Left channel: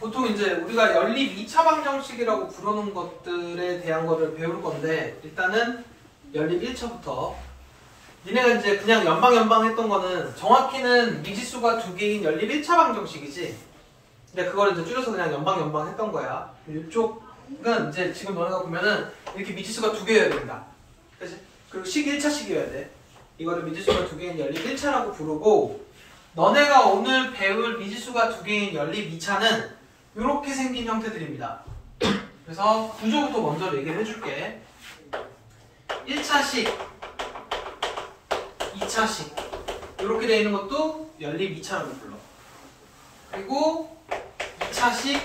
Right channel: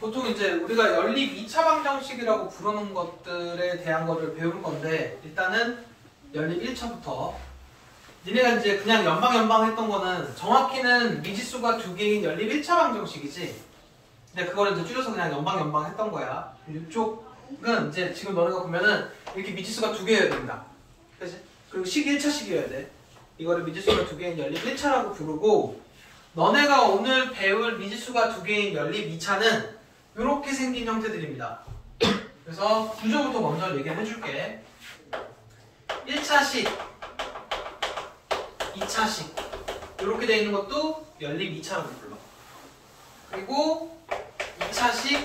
보통 이제 우리가 연립 2차 방정식이라고 부르는 것들에 대한 거를 배울 건데, 일단은 연립 1차부터 니네가 이제 그냥 연방 했던 거는 정확히는 미지수가 두 개인 연립 1차 방정식이지. 근데 그거를 이제 줄여서 그냥 연방 했던 거야. 이쪽은 이제 지금 너네가 보면은 이렇게 미지수가 두 개여야 된다. 그치? 그리고 식이 1차식이어야 돼. 이거를 미지수가 두 개인 연립 1차라고 부르고, 너네가 오늘 배울 미지수가 두 개인 연립 2차는 이렇게 생긴 형태들입니다. 그래서 구조부터 먼저 얘기를 해줄게. 1차식, 2차식 이렇게 돼 있는 것도 연립 2차라고 불러. 그리고 2차식,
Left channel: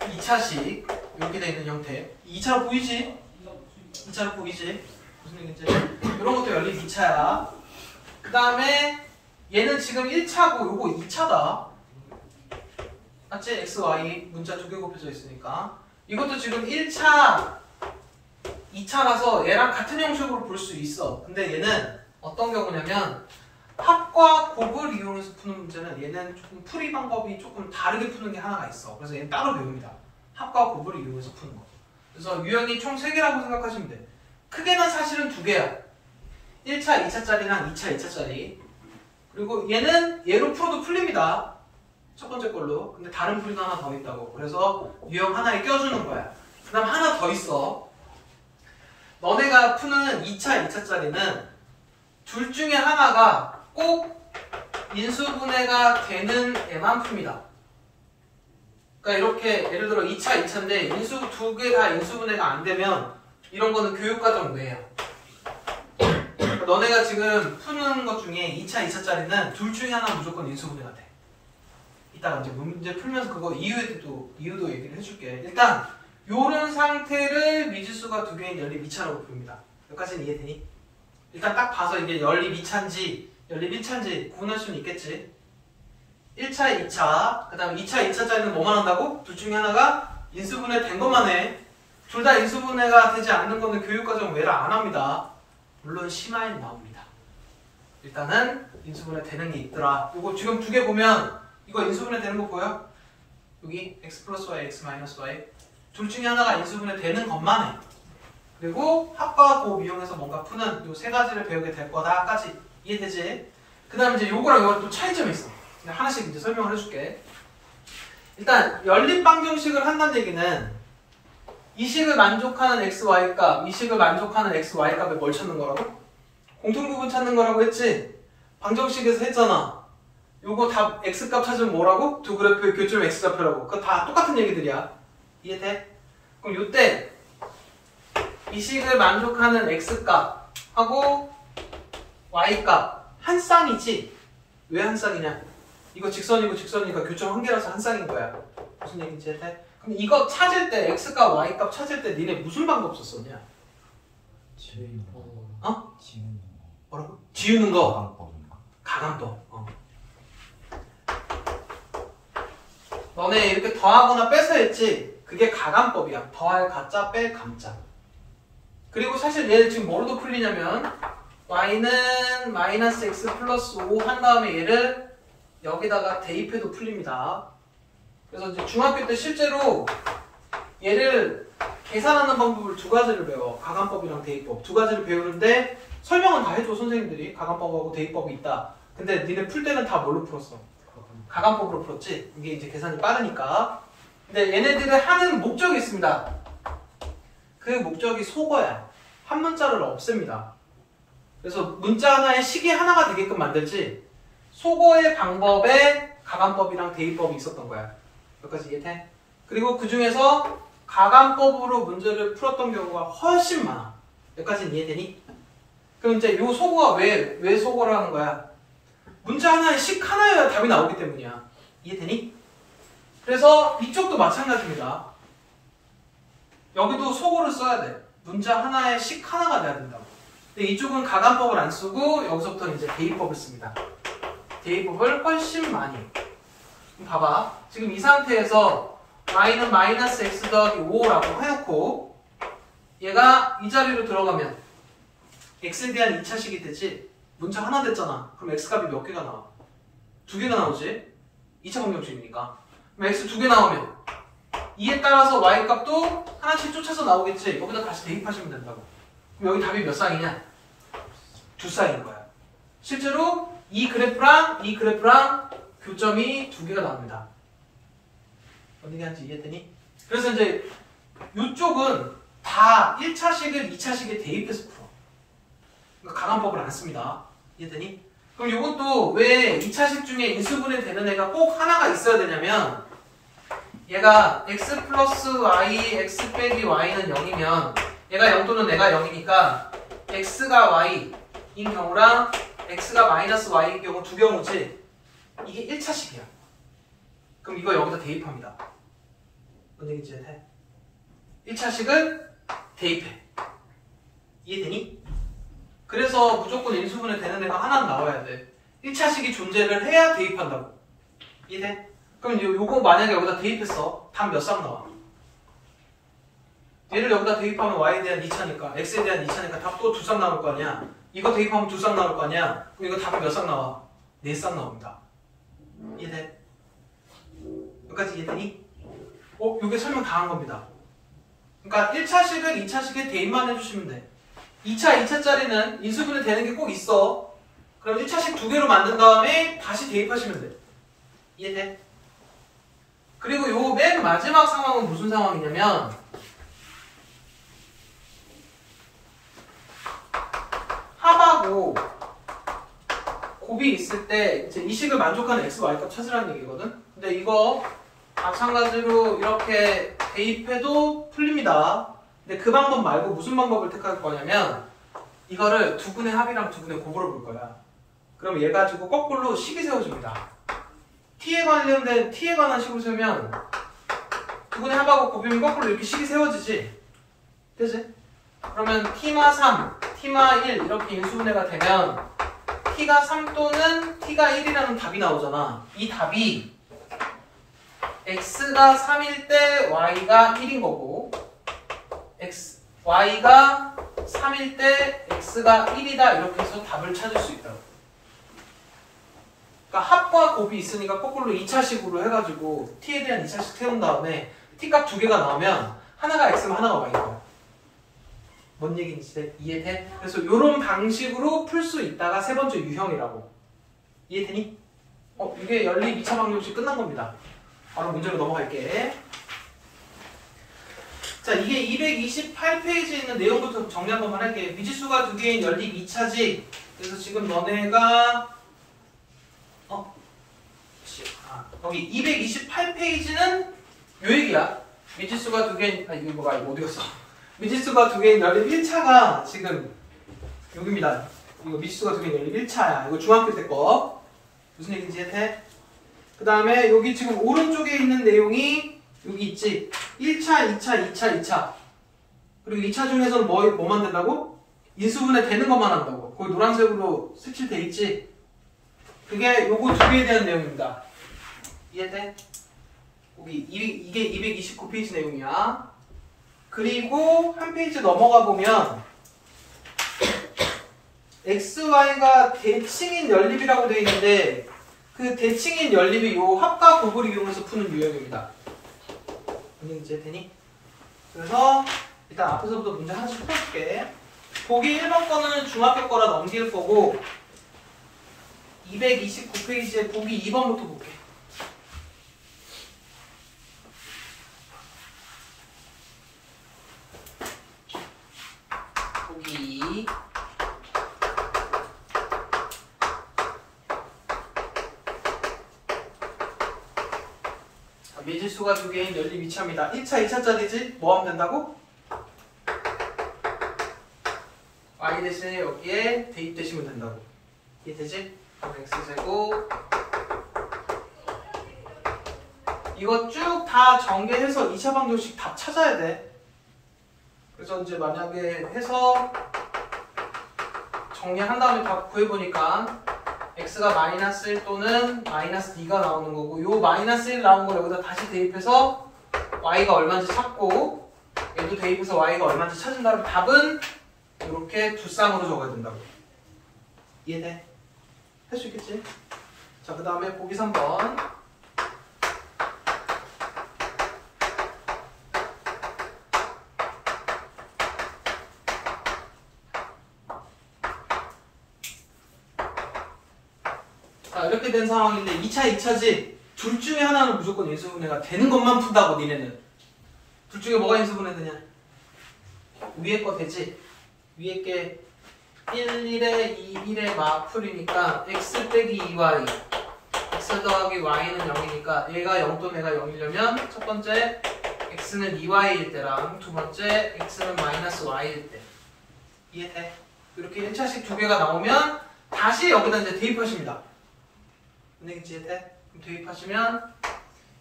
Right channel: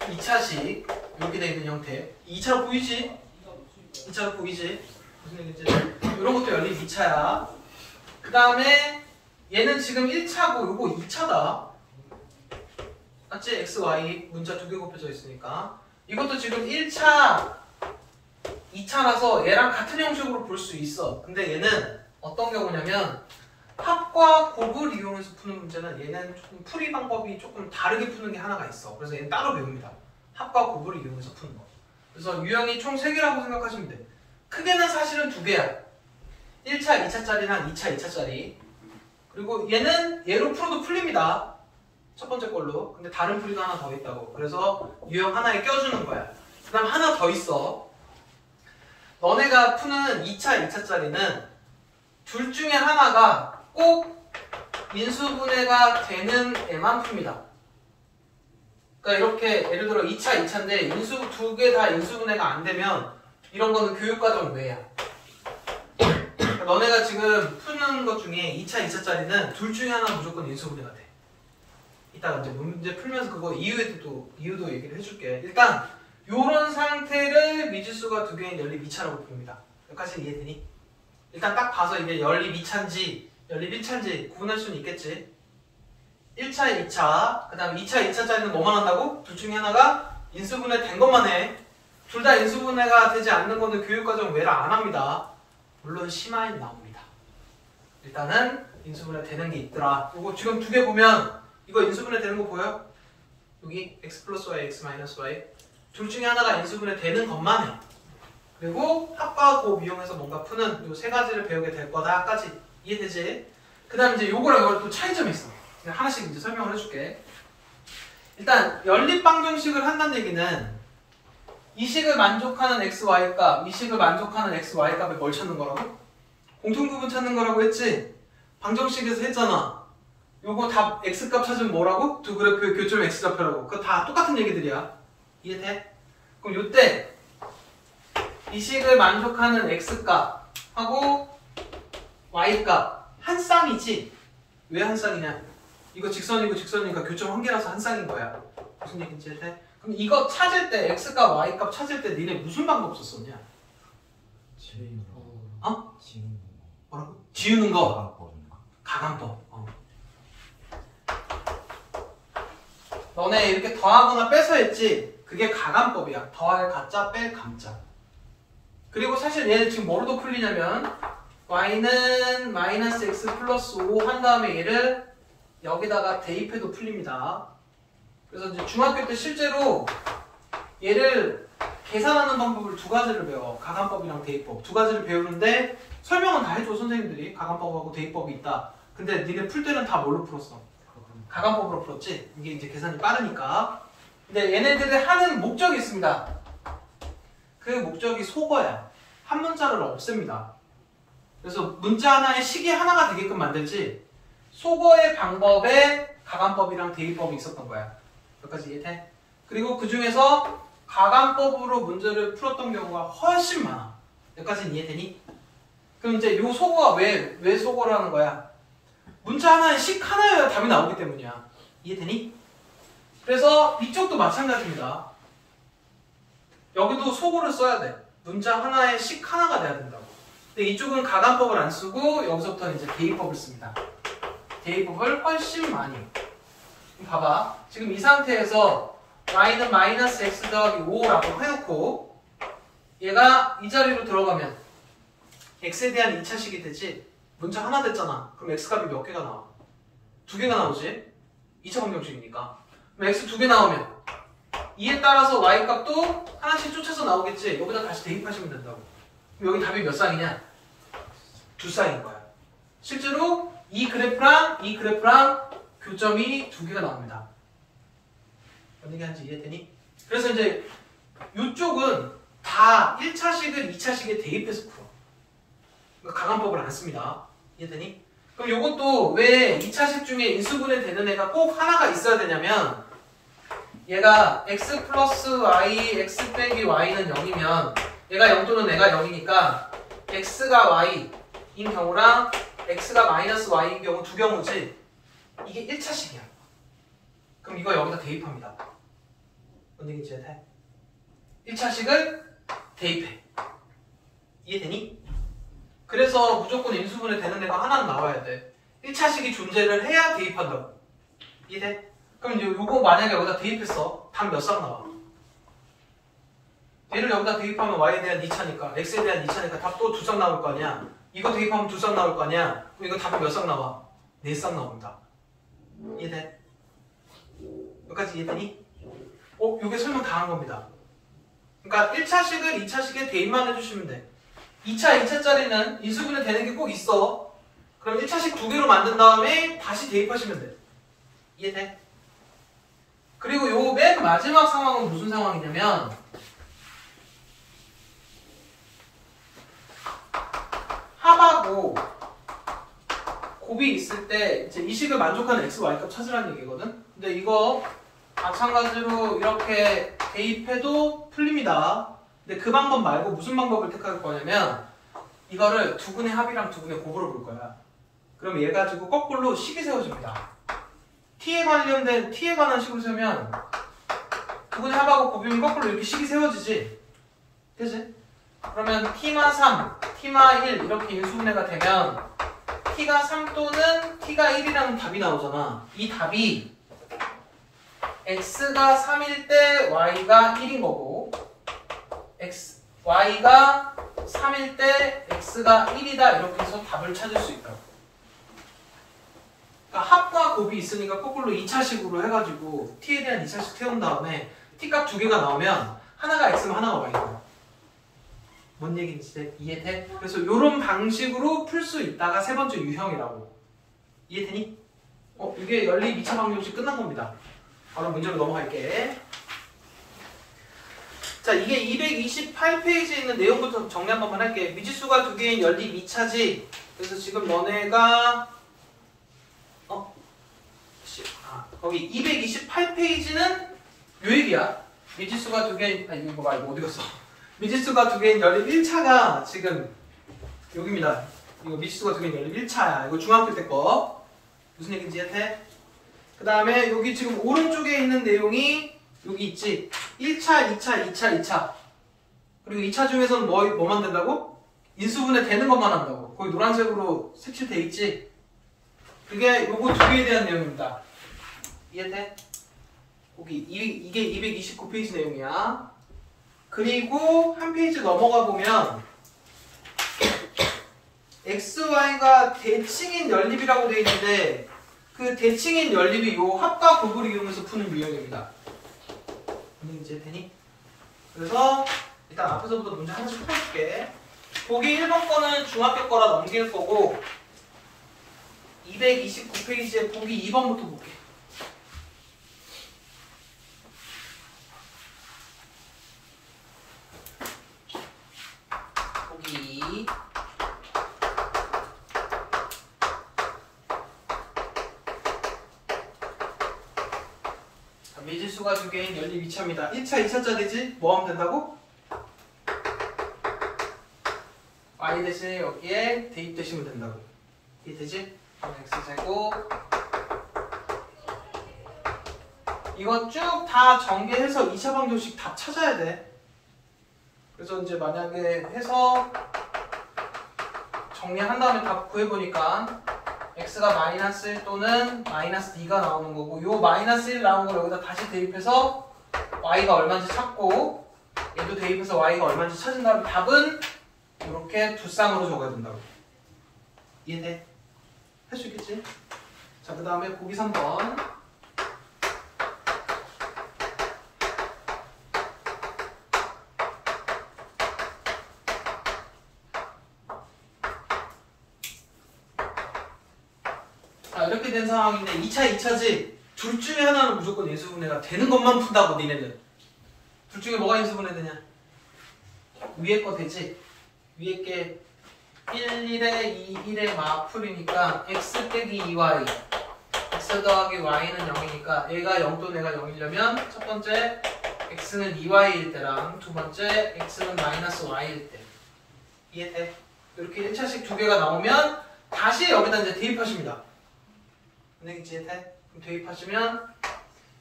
2차식 이렇게 돼 있는 형태. 2차로 보이지? 2차로 보이지? 무슨 얘기인지. 이런 것도 연립 2차야. 그 다음에 얘는 지금 1차고 요거 2차다. 맞지? x, y 문자 두 개 곱해져 있으니까. 이것도 지금 1차, 2차라서 얘랑 같은 형식으로 볼 수 있어. 근데 얘는 어떤 경우냐면 합과 곱을 이용해서 푸는 문제는 얘는 조금 풀이 방법이 조금 다르게 푸는 게 하나가 있어. 그래서 얘는 따로 배웁니다. 합과 곱을 이용해서 푸는 거. 그래서 유형이 총 3개라고 생각하시면 돼. 크게는 사실은 2개야. 1차, 2차짜리랑 2차, 2차짜리. 그리고 얘는 얘로 풀어도 풀립니다. 첫 번째 걸로. 근데 다른 풀이가 하나 더 있다고. 그래서 유형 하나에 껴주는 거야. 그 다음 하나 더 있어. 너네가 푸는 2차, 2차짜리는 둘 중에 하나가 꼭 인수분해가 되는 애만 풉니다. 그러니까 이렇게 예를 들어 2차, 2차인데 두 개 다 인수분해가 안 되면 이런 거는 교육과정 외야. 그러니까 너네가 지금 푸는 것 중에 2차, 2차짜리는 둘 중에 하나 무조건 인수분해가 돼. 이따가 이제 문제 풀면서 그거 이유도 얘기를 해줄게. 일단 요런 상태를 미지수가 두 개인 연립 2차라고 부릅니다. 여기까지는 이해되니? 일단 딱 봐서 이게 연립 2차인지 연립 1차인지 구분할 수는 있겠지. 1차, 2차, 그 다음에 2차, 2차짜리는 뭐만 한다고? 둘 중에 하나가 인수분해 된 것만 해. 둘 다 인수분해가 되지 않는 거는 교육과정 외라 안 합니다. 물론 심화엔 나옵니다. 일단은 인수분해 되는 게 있더라. 이거 지금 두 개 보면 이거 인수분해 되는 거 보여? 여기 x 플러스 y, x 마이너스 y 둘 중에 하나가 인수분해 되는 것만 해. 그리고 합과 곱 이용해서 뭔가 푸는 이 세 가지를 배우게 될 거다까지 이해되지? 그 다음에 이제 요거랑 요거랑 또 차이점이 있어. 하나씩 이제 설명을 해줄게. 일단 연립 방정식을 한다는 얘기는 이 식을 만족하는 x, y 값, 이 식을 만족하는 x, y 값에 뭘 찾는 거라고? 공통부분 찾는 거라고 했지? 방정식에서 했잖아. 요거 다 x 값 찾으면 뭐라고? 두 그래프의 교점 x 좌표라고. 그거 다 똑같은 얘기들이야. 이해돼? 그럼 요때 이 식을 만족하는 x 값하고 y 값 한 쌍이지? 왜 한 쌍이냐? 이거 직선이고 직선이니까 교점 한 개라서 한 쌍인 거야. 무슨 얘기인지 이해돼? 그럼 이거 찾을 때 x 값, y 값 찾을 때 니네 무슨 방법 썼었냐? 지우는 거. 어? 지우는 거. 뭐라고? 지우는 거. 가관법인가? 가관법. 너네 이렇게 더하거나 빼서 했지? 그게 가관법이야. 더할 가짜, 뺄 감짜. 그리고 사실 얘 지금 뭐로도 풀리냐면 y는 마이너스 x 플러스 5 한 다음에 얘를 여기다가 대입해도 풀립니다. 그래서 이제 중학교 때 실제로 얘를 계산하는 방법을 두 가지를 배워. 가관법이랑 대입법. 두 가지를 배우는데 설명은 다 해줘 선생님들이. 가관법하고 대입법이 있다. 근데 니네 풀 때는 다 뭘로 풀었어? 가관법으로 풀었지? 이게 이제 계산이 빠르니까. 근데 얘네들이 하는 목적이 있습니다. 그 목적이 속어야. 한 문자를 없앱니다. 그래서 문자 하나에 식이 하나가 되게끔 만들지 속어의 방법에 가관법이랑 대입법이 있었던 거야. 여기까지 이해돼? 그리고 그 중에서 가관법으로 문제를 풀었던 경우가 훨씬 많아. 여기까지는 이해되니? 그럼 이제 요 속어가 왜 속어라는 거야? 문자 하나에 식 하나여야 답이 나오기 때문이야. 이해되니? 그래서 이쪽도 마찬가지입니다. 여기도 속어를 써야 돼. 문자 하나에 식 하나가 돼야 된다고. 근데 이쪽은 가관법을 안 쓰고 여기서부터 이제 대입법을 씁니다. 대입법을 훨씬 많이. 그럼 봐봐. 지금 이 상태에서 y는 마이너스 x 더하기 5라고 해놓고 얘가 이 자리로 들어가면 x에 대한 2차식이 되지. 문자 하나 됐잖아. 그럼 x값이 몇 개가 나와? 두 개가 나오지? 2차 방정식이니까. 그럼 x 2개 나오면 이에 따라서 y 값도 하나씩 쫓아서 나오겠지. 여기다 다시 대입하시면 된다고. 그럼 여기 답이 몇 쌍이냐? 2쌍인 거야. 실제로 이 그래프랑 교점이 2개가 나옵니다. 어떤 얘기하는지 이해되니? 그래서 이제 이쪽은 다 1차식을 2차식에 대입해서 풀어. 그러니까 가감법을 안 씁니다. 이해되니? 그럼 이것도 왜 2차식 중에 인수분해 되는 애가 꼭 하나가 있어야 되냐면 얘가 x 플러스 y, x 빼기 y는 0이면 얘가 0 또는 얘가 0이니까 x가 y인 경우랑 x가 마이너스 y인 경우 두 경우지. 이게 1차식이야. 그럼 이거 여기다 대입합니다. 뭔 얘기인지 해? 1차식을 대입해. 이해되니? 그래서 무조건 인수분해 되는 데가 하나는 나와야 돼. 1차식이 존재를 해야 대입한다고. 이해돼? 그럼 이제 요거 만약에 여기다 대입했어. 답 몇 쌍 나와? 얘를 여기다 대입하면 y에 대한 2차니까 x에 대한 2차니까 답 또 2쌍 나올 거 아니야. 이거 대입하면 2쌍 나올 거 아니야. 그럼 이거 답이 몇 쌍 나와? 4쌍 나옵니다. 이해돼? 여기까지 이해되니? 요게 설명 다 한 겁니다. 그러니까 1차식을 2차식에 대입만 해주시면 돼. 2차짜리는 인수분해 되는 게 꼭 있어. 그럼 1차식 2개로 만든 다음에 다시 대입하시면 돼. 이해돼? 그리고 요 맨 마지막 상황은 무슨 상황이냐면 합하고 곱이 있을 때 이제 이 식을 만족하는 x, y 값 찾으라는 얘기거든. 근데 이거 마찬가지로 이렇게 대입해도 풀립니다. 근데 그 방법 말고 무슨 방법을 택할 거냐면 이거를 두근의 합이랑 두근의 곱으로 볼 거야. 그럼 얘 가지고 거꾸로 식이 세워집니다. t에 관한 식을 세우면 두근의 합하고 곱이면 거꾸로 이렇게 식이 세워지지. 그치? 그러면 t마 3, t마 1 이렇게 인수분해가 되면 t가 3 또는 t가 1이라는 답이 나오잖아. 이 답이 x가 3일 때 y가 1인 거고 y가 3일 때 x가 1이다 이렇게 해서 답을 찾을 수 있다고. 그러니까 합과 곱이 있으니까 거꾸로 2차식으로 해가지고 t에 대한 2차식 세운 다음에 t값 2개가 나오면 하나가 x면 하나가 y고. 뭔 얘기인지 이해돼? 그래서 이런 방식으로 풀 수 있다가 세 번째 유형이라고. 이해되니? 이게 연립 2차 방정식 끝난 겁니다. 바로 문제로 넘어갈게. 자, 이게 228페이지에 있는 내용부터 정리 한 번만 할게. 미지수가 2개인 연립 2차지. 그래서 지금 너네가 거기 228페이지는 요 얘기야. 미지수가 2개인 이거 뭐가 어디 갔어? 미지수가 2개인 연립 1차가 지금 여기입니다. 이거 미지수가 2개인 연립 1차야. 이거 중학교 때 거. 무슨 얘기인지 이해해? 그 다음에 여기 지금 오른쪽에 있는 내용이 여기 있지. 1차, 2차, 2차, 2차. 그리고 2차 중에서는 뭐 만든다고? 인수분해 되는 것만 한다고. 거기 노란색으로 색칠돼 있지. 그게 요거 2개에 대한 내용입니다. 이해돼? 이게 229페이지 내용이야. 그리고 한 페이지 넘어가 보면 XY가 대칭인 연립이라고 되어 있는데 그 대칭인 연립이 요 합과 곱을 이용해서 푸는 유형입니다. 이제 되니? 그래서 일단 앞에서부터 문제 하나씩 풀어줄게. 보기 1번 거는 중학교 거라 넘길 거고 229페이지에 보기 2번부터 볼게. 보기 미지수가 2개인 연립 2차입니다. 1차, 2차짜리지? 뭐 하면 된다고? y 대신에 여기에 대입되시면 된다고. 이해되지? x제곱 이거 쭉 다 전개해서 2차 방정식 답 찾아야 돼. 그래서 이제 만약에 해서 정리한 다음에 답 구해보니까 x가 마이너스 1 또는 마이너스 2가 나오는 거고 요 마이너스 1 나온 걸 여기다 다시 대입해서 y가 얼마인지 찾고 얘도 대입해서 y가 얼마인지 찾은 다음에 답은 이렇게 두 쌍으로 적어야 된다고. 이해돼? 할 수 있겠지? 자, 그 다음에 보기 3번 이렇게 된 상황인데 2차, 2차지 둘 중에 하나는 무조건 인수분해가 되는 것만 푼다고 니네는. 둘 중에 뭐가 인수분해 되냐? 위에 거 되지? 위에 게 1, 1에 2, 1에 마풀이니까 x 빼기 2y x 더하기 y는 0이니까 얘가 0 또는 얘가 0이려면 첫 번째 x는 2y일 때랑 두 번째 x는 마이너스 y일 때. 이해돼? 이렇게 1차식 두 개가 나오면 다시 여기다 이제 대입하십니다. 근데 이해돼? 그럼 대입하시면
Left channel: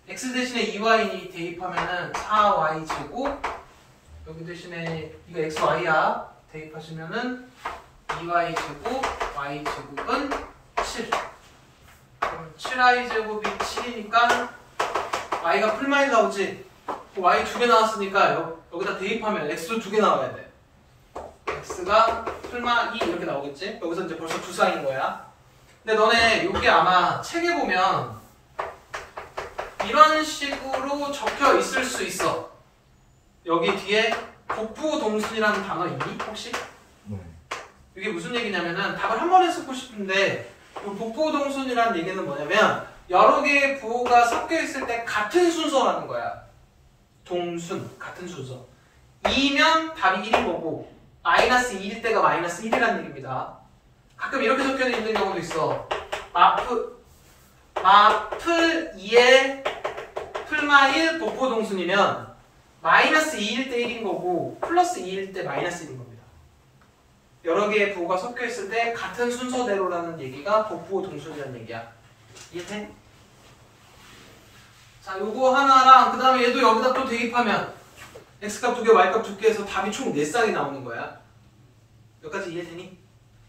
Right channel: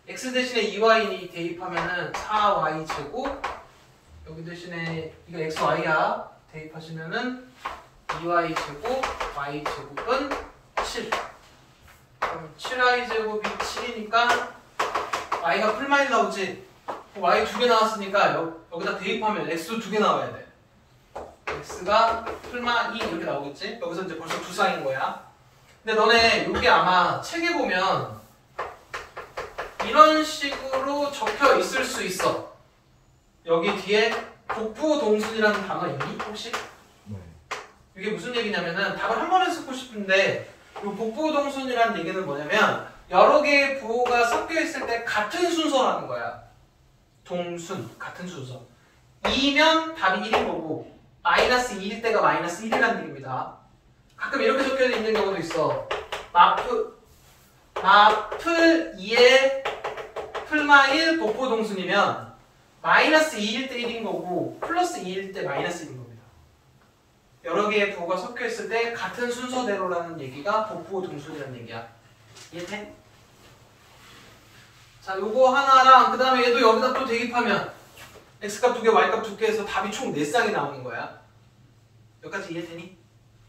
x 대신에 2y니 대입하면은 4y 제곱 여기 대신에 이거 x, y야. 대입하시면은 2y 제곱 y 제곱은 7. 그럼 7y 제곱이 7이니까 y가 풀마일 나오지. y 두 개 나왔으니까 여기다 대입하면 x도 두 개 나와야 돼. x가 풀마 2 이렇게 나오겠지? 여기서 이제 벌써 두 쌍인 거야. 근데 너네 이게 아마 책에 보면 이런 식으로 적혀 있을 수 있어. 여기 뒤에 복부 동순이라는 단어 있니? 혹시? 네. 이게 무슨 얘기냐면은 답을 한 번에 쓰고 싶은데 이 복부 동순이라는 얘기는 뭐냐면 여러 개의 부호가 섞여 있을 때 같은 순서라는 거야. 동순, 같은 순서. 2면 답이 1인 거고 마이너스 2일 때가 마이너스 1이라는 얘기입니다. 가끔 이렇게 적혀 있는 경우도 있어. 마플 2에 풀마 1 복부 동순이면 마이너스 2일 때 1인 거고 플러스 2일 때 마이너스 1인 겁니다. 여러 개의 부호가 섞여 있을 때 같은 순서대로라는 얘기가 복부 동순이라는 얘기야. 이해돼? 자, 요거 하나랑 그 다음에 얘도 여기다 또 대입하면 x값 2개, y값 2개 해서 답이 총 4쌍이 나오는 거야. 여기까지 이해되니?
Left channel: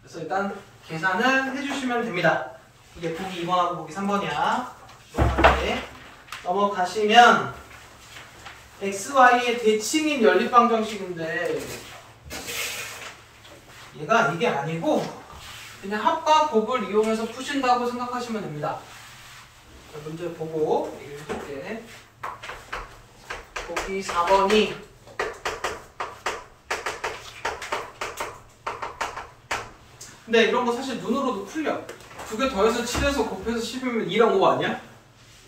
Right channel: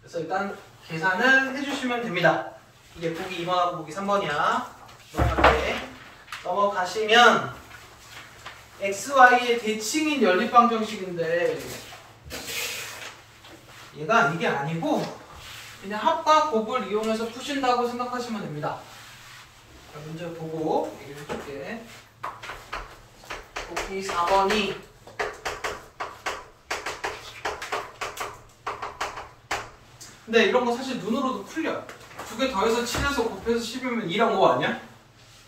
그래서 일단 계산을 해주시면 됩니다. 이게 보기 2번하고 보기 3번이야. 넘어가시면 xy의 대칭인 연립방정식인데 얘가 이게 아니고 그냥 합과 곱을 이용해서 푸신다고 생각하시면 됩니다. 문제 보고 얘기해줄게. 보기 4번이 근데 이런 거 사실 눈으로도 풀려. 두 개 더해서 7에서 곱해서 10이면 2랑 5 아니야?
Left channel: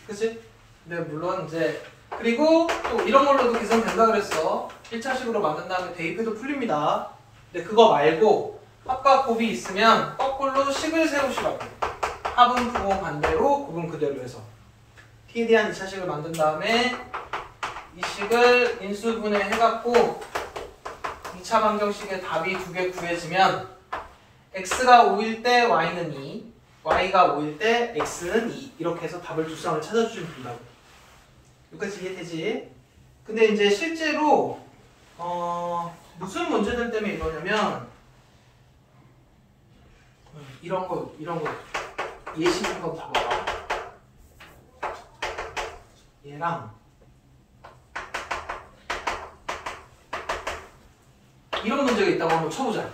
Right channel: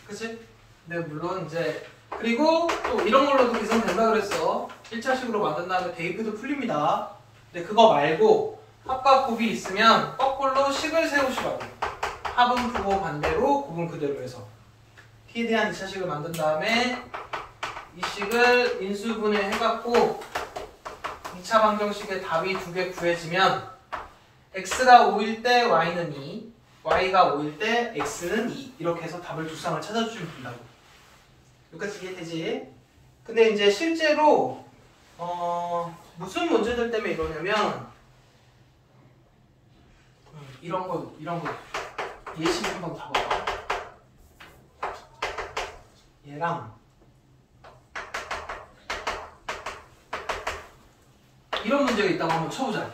그치? 네, 물론 이제 그리고 또 이런 걸로도 계산된다 그랬어. 1차식으로 만든 다음에 대입해도 풀립니다. 근데 그거 말고 합과 곱이 있으면 거꾸로 식을 세우시라고. 합은 부호 반대로 곱은 그대로 해서 t에 대한 2차식을 만든 다음에 이 식을 인수분해 해갖고 2차 방정식의 답이 2개 구해지면 x가 5일 때 y는 2, y가 5일 때 x는 2 이렇게 해서 답을 두 쌍을 찾아주시면 된다고. 여기까지 이해되지? 근데 이제 실제로 무슨 문제들 때문에 이러냐면 이런 거 예시 한번 봐봐. 얘랑 이런 문제가 있다고 한번 쳐보자.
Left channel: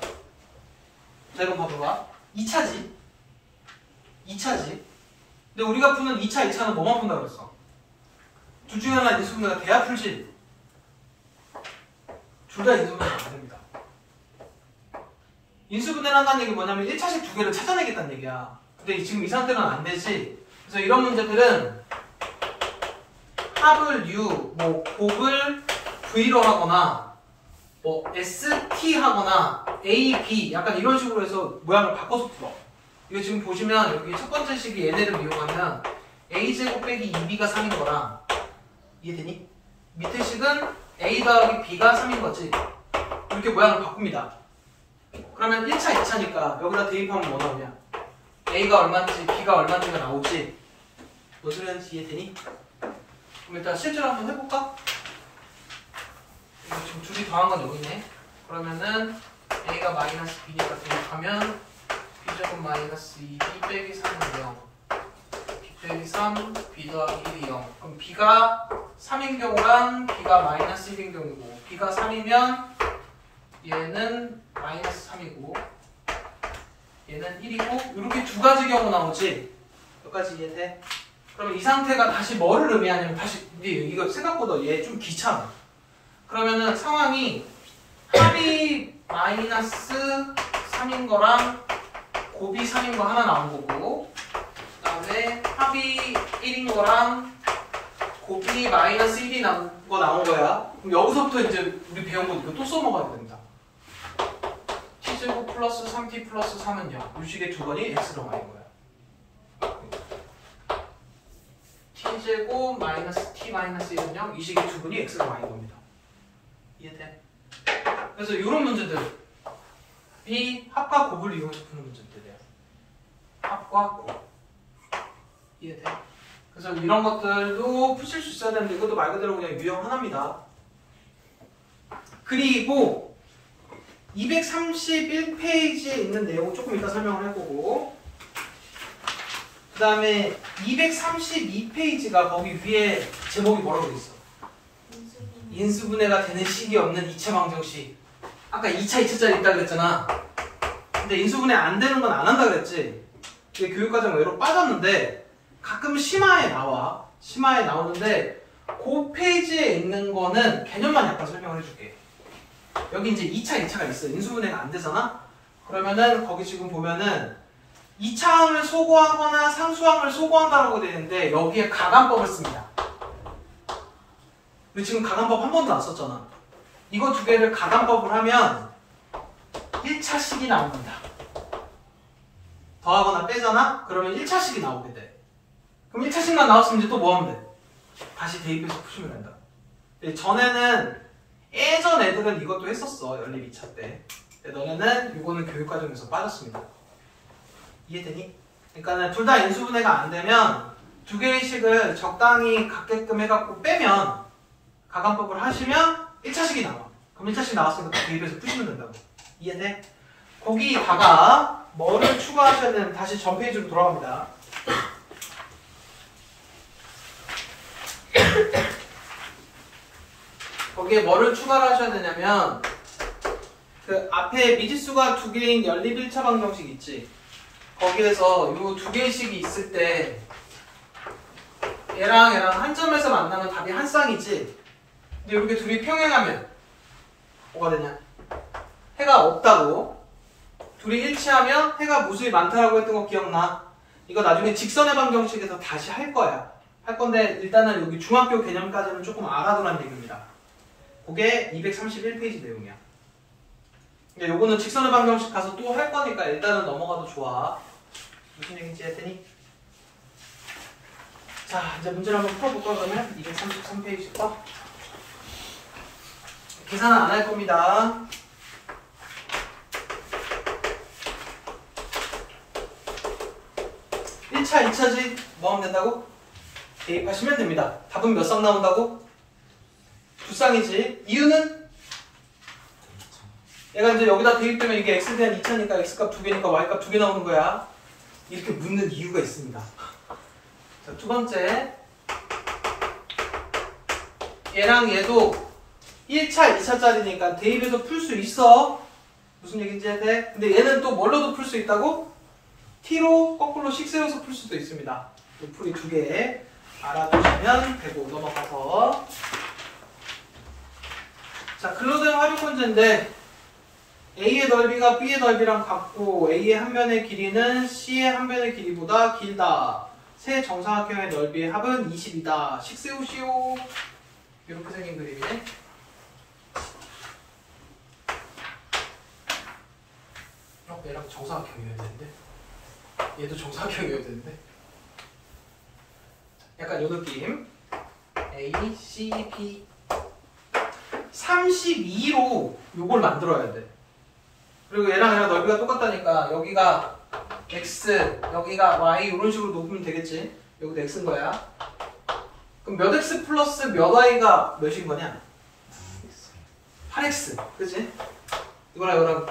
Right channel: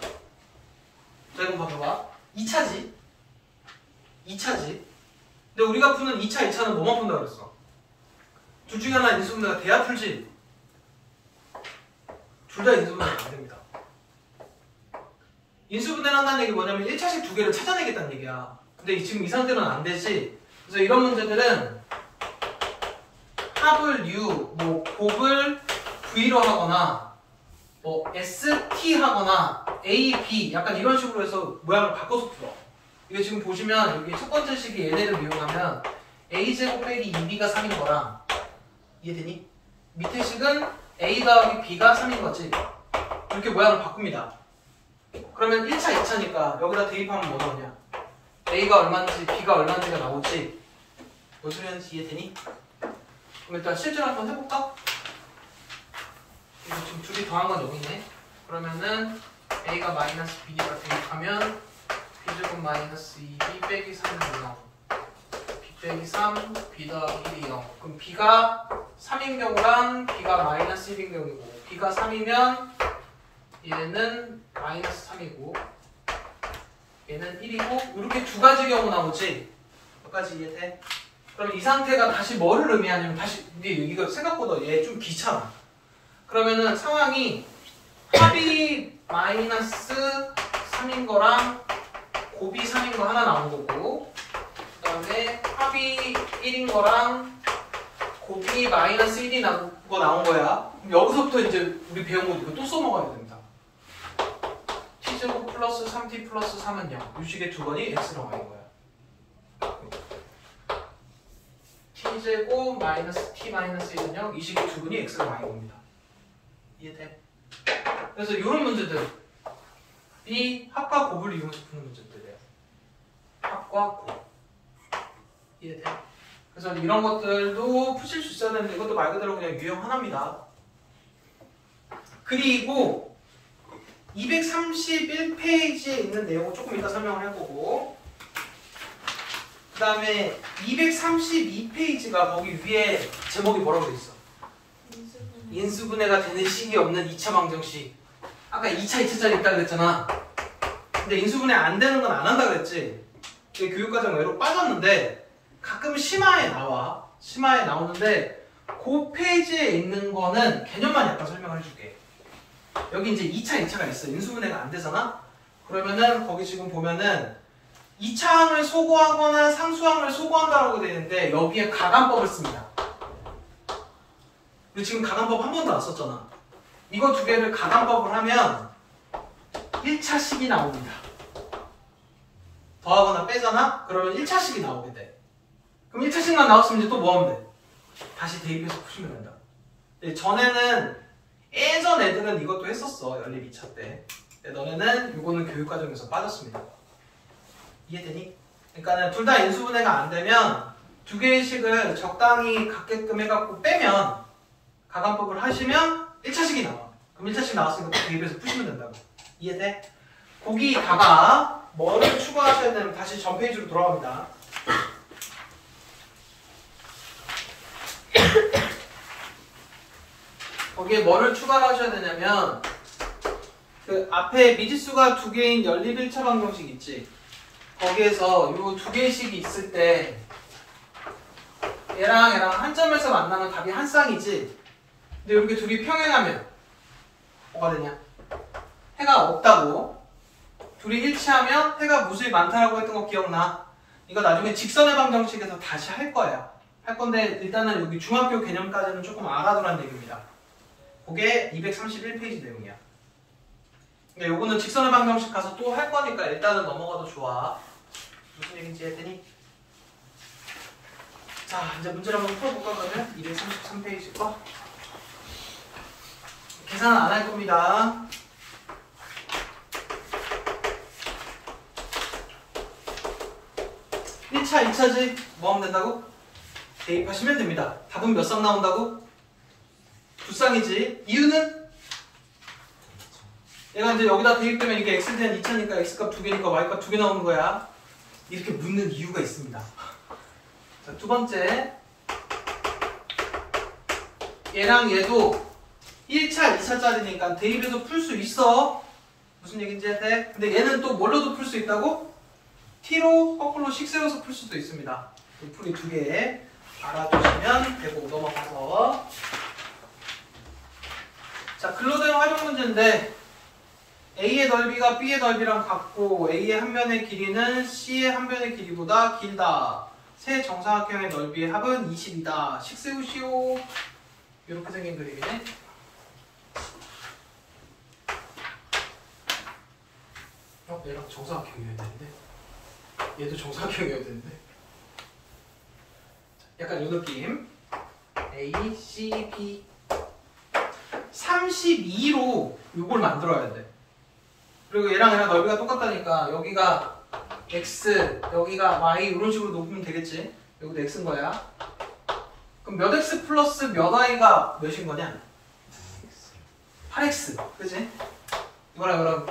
자, 이거 봐봐. 2차지. 근데 우리가 푸는 2차는 뭐만 푼다 그랬어? 둘 중에 하나 인수분해가 돼야 풀지. 둘 다 인수분해가 안 됩니다. 인수분해를 한다는 얘기 뭐냐면 1차식 두 개를 찾아내겠다는 얘기야. 근데 지금 이 상태로는 안 되지. 그래서 이런 문제들은 합을 U, 뭐 곱을 V로 하거나 뭐 ST 하거나 A, B 약간 이런 식으로 해서 모양을 바꿔서 풀어. 이게 지금 보시면 여기 첫 번째 식이 얘네를 이용하면 A제곱 빼기 2B가 3인 거랑 이해되니? 밑에 식은 A 더하기 B가 3인 거지. 이렇게 모양을 바꿉니다. 그러면 1차, 2차니까 여기다 대입하면 뭐 나오냐? A가 얼마인지 B가 얼마인지가 나오지. 무슨 소리인지 이해되니? 그럼 일단 실제로 한번 해볼까? 이거 지금 둘이 더한 건 여기네. 그러면은 A가 마이너스 B니까 대입하면 B제곱 마이너스 2B 빼기 3은 0 B 빼기 3 B 더하기 1이 0. 그럼 B가 3인 경우랑 B가 마이너스 1인 경우고 B가 3이면 얘는 마이너스 3이고 얘는 1이고 이렇게 두 가지 경우 나오지. 여기까지 이해돼? 그럼 이 상태가 다시 뭐를 의미하냐면 다시 이거 생각보다 얘 좀 귀찮아. 그러면은 상황이 합이 마이너스 3인 거랑 곱이 3인 거 하나 나온 거고 그 다음에 합이 1인 거랑 곱이 마이너스 1이 나온 거야. 그럼 여기서부터 이제 우리 배운 거 이거 또 써먹어야 된다. t제곱 플러스 3t 플러스 3은 0. 유식의 두 번이 x로 y인 거야. t제곱 마이너스 t 마이너스 1은 0. 이 식의 두 분이 x로 y인 겁니다. 이해돼? 그래서 이런 문제들 이 합과 곱을 이용해서 푸는 문제들이에요. 합과 곱. 이해돼? 그래서 이런 것들도 푸실 수 있어야 되는데 이것도 말 그대로 그냥 유형 하나입니다. 그리고 231페이지에 있는 내용 조금 이따 설명을 할 거고, 그 다음에 232페이지가 거기 위에 제목이 뭐라고 돼 있어? 인수분해가 되는 식이 없는 2차 방정식. 아까 2차 2차짜리 있다 그랬잖아. 근데 인수분해 안 되는 건 안 한다 그랬지. 이게 교육과정 외로 빠졌는데 가끔 심화에 나와. 심화에 나오는데 그 페이지에 있는 거는 개념만 약간 설명을 해줄게. 여기 이제 2차 2차가 있어. 인수분해가 안 되잖아. 그러면은 거기 지금 보면은 2차항을 소구하거나 상수항을 소구한다라고 되어 있는데 여기에 가감법을 씁니다. 우리 지금 가감법 한 번도 안 썼잖아. 이거 두 개를 가감법을 하면 1차식이 나옵니다. 더하거나 빼잖아? 그러면 1차식이 나오게 돼. 그럼 1차식만 나왔으면 이제 또 뭐 하면 돼? 다시 대입해서 푸시면 된다. 전에는 예전 애들은 이것도 했었어. 연립 2차 때. 근데 너네는 이거는 교육과정에서 빠졌습니다. 이해되니? 그러니까는 둘 다 인수분해가 안 되면 두 개의 식을 적당히 갖게끔 해갖고 빼면 가감법을 하시면 1차식이 나와. 그럼 1차식 나왔으니까 또 대입해서 푸시면 된다고. 이해돼? 거기다가 뭐를 추가하셔야 되면 다시 전 페이지로 돌아갑니다. 거기에 뭐를 추가를 하셔야 되냐면 그 앞에 미지수가 두 개인 연립 1차 방정식 있지? 거기에서 요 두 개씩이 있을 때 얘랑 얘랑 한 점에서 만나면 답이 한 쌍이지? 근데 이렇게 둘이 평행하면 뭐가 되냐? 해가 없다고. 둘이 일치하면 해가 무수히 많다라고 했던 거 기억나? 이거 나중에 직선의 방정식에서 다시 할 거야. 할 건데 일단은 여기 중학교 개념까지는 조금 알아두란 얘기입니다. 그게 231페이지 내용이야. 근데 요거는 직선의 방정식 가서 또 할 거니까 일단은 넘어가도 좋아. 무슨 얘기인지 했더니? 자, 이제 문제를 한번 풀어볼까 그러면? 233페이지 거. 계산은 안 할 겁니다. (1차) (2차지) 뭐 하면 된다고? 대입하시면 됩니다. 답은 몇 쌍 나온다고? 두 쌍이지. 이유는? 얘가 이제 여기다 대입되면 이게 x에 대한 2차니까 x값 2개니까 y값 2개 나오는 거야. 이렇게 묻는 이유가 있습니다. 자, 두 번째. 얘랑 얘도 1차, 2차짜리니까 대입해서 풀 수 있어. 무슨 얘기인지 해야 돼? 근데 얘는 또 뭘로도 풀 수 있다고? t로 거꾸로 식 세워서 풀 수도 있습니다. 그 풀이 두 개 알아두시면 되고 넘어가서. 자, 근로대응 활용 문제인데 A의 넓이가 B의 넓이랑 같고 A의 한 변의 길이는 C의 한 변의 길이보다 길다. 세 정사각형의 넓이의 합은 20이다. 식 세우시오. 이렇게 생긴 그림이네. 얘랑 정사각형이어야 되는데 얘도 정사각형이어야 되는데 약간 요 느낌. A, C, B 32로 요걸 만들어야 돼. 그리고 얘랑 넓이가 똑같다니까 여기가 X, 여기가 Y 이런 식으로 놓으면 되겠지. 여기도 X인 거야. 그럼 몇 X 플러스 몇 Y가 몇인 거냐? 8X. 그치? 이거랑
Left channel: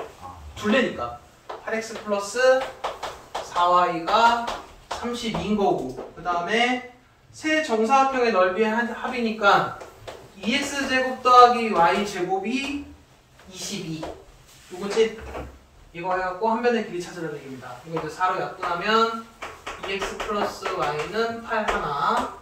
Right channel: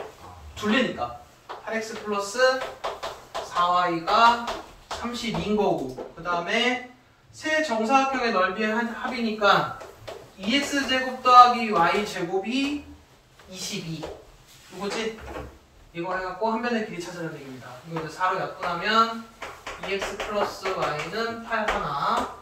둘레니까 8X 플러스 4Y가 32인 거고, 그 다음에 세 정사각형의 넓이의 합이니까 2x제곱 더하기 y제곱이 22 이거지? 이거 해갖고 한 변의 길이 찾으라는 얘기입니다. 이거 이제 4로 약분하면 2x 플러스 y는 8 하나.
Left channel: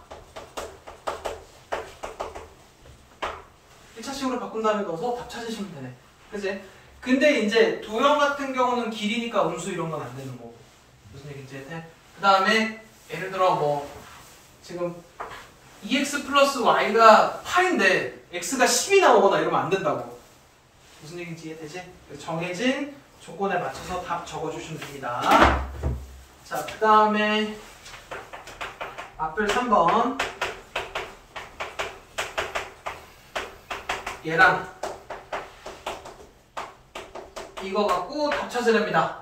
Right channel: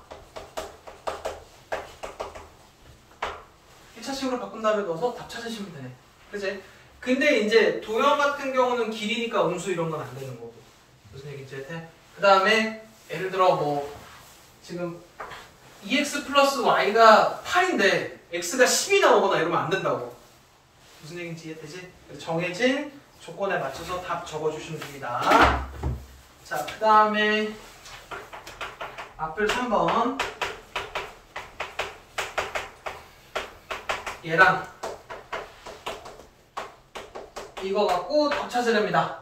1차식으로 바꾼 다음에 넣어서 답 찾으시면 되네. 그치? 근데 이제 도형 같은 경우는 길이니까 음수 이런 건 안 되는 거고. 무슨 얘기인지 해? 그 다음에 예를 들어 뭐 지금 2x 플러스 y가 8인데 x가 10이 나오거나 이러면 안 된다고. 무슨 얘기인지 이해되지? 정해진 조건에 맞춰서 답 적어주시면 됩니다. 자, 그 다음에 앞을 3번 얘랑 이거 갖고 답 찾으랍니다.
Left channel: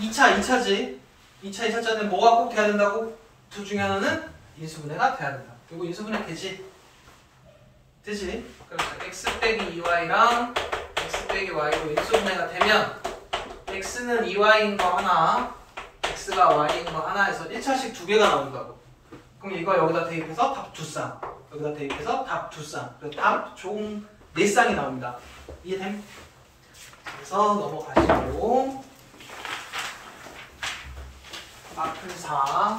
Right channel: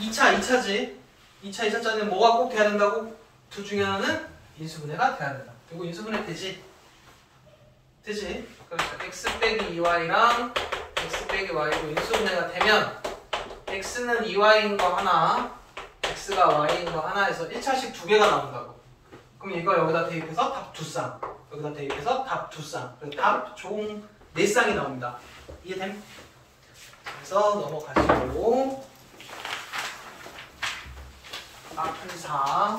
2차지. 2차짜리는 뭐가 꼭 돼야 된다고? 둘 중에 하나는 인수분해가 돼야 된다. 이거 인수분해 되지? 되지? 그래서 x 빼기 2y랑 x 빼기 y로 인수분해가 되면 x는 2y인 거 하나, x가 y인 거 하나에서 1차식 두 개가 나온다고. 그럼 이거 여기다 대입해서 답 두 쌍, 여기다 대입해서 답 두 쌍, 그래서 답 총 4쌍이 나옵니다. 이해됨? 그래서 넘어가시고 앞을 4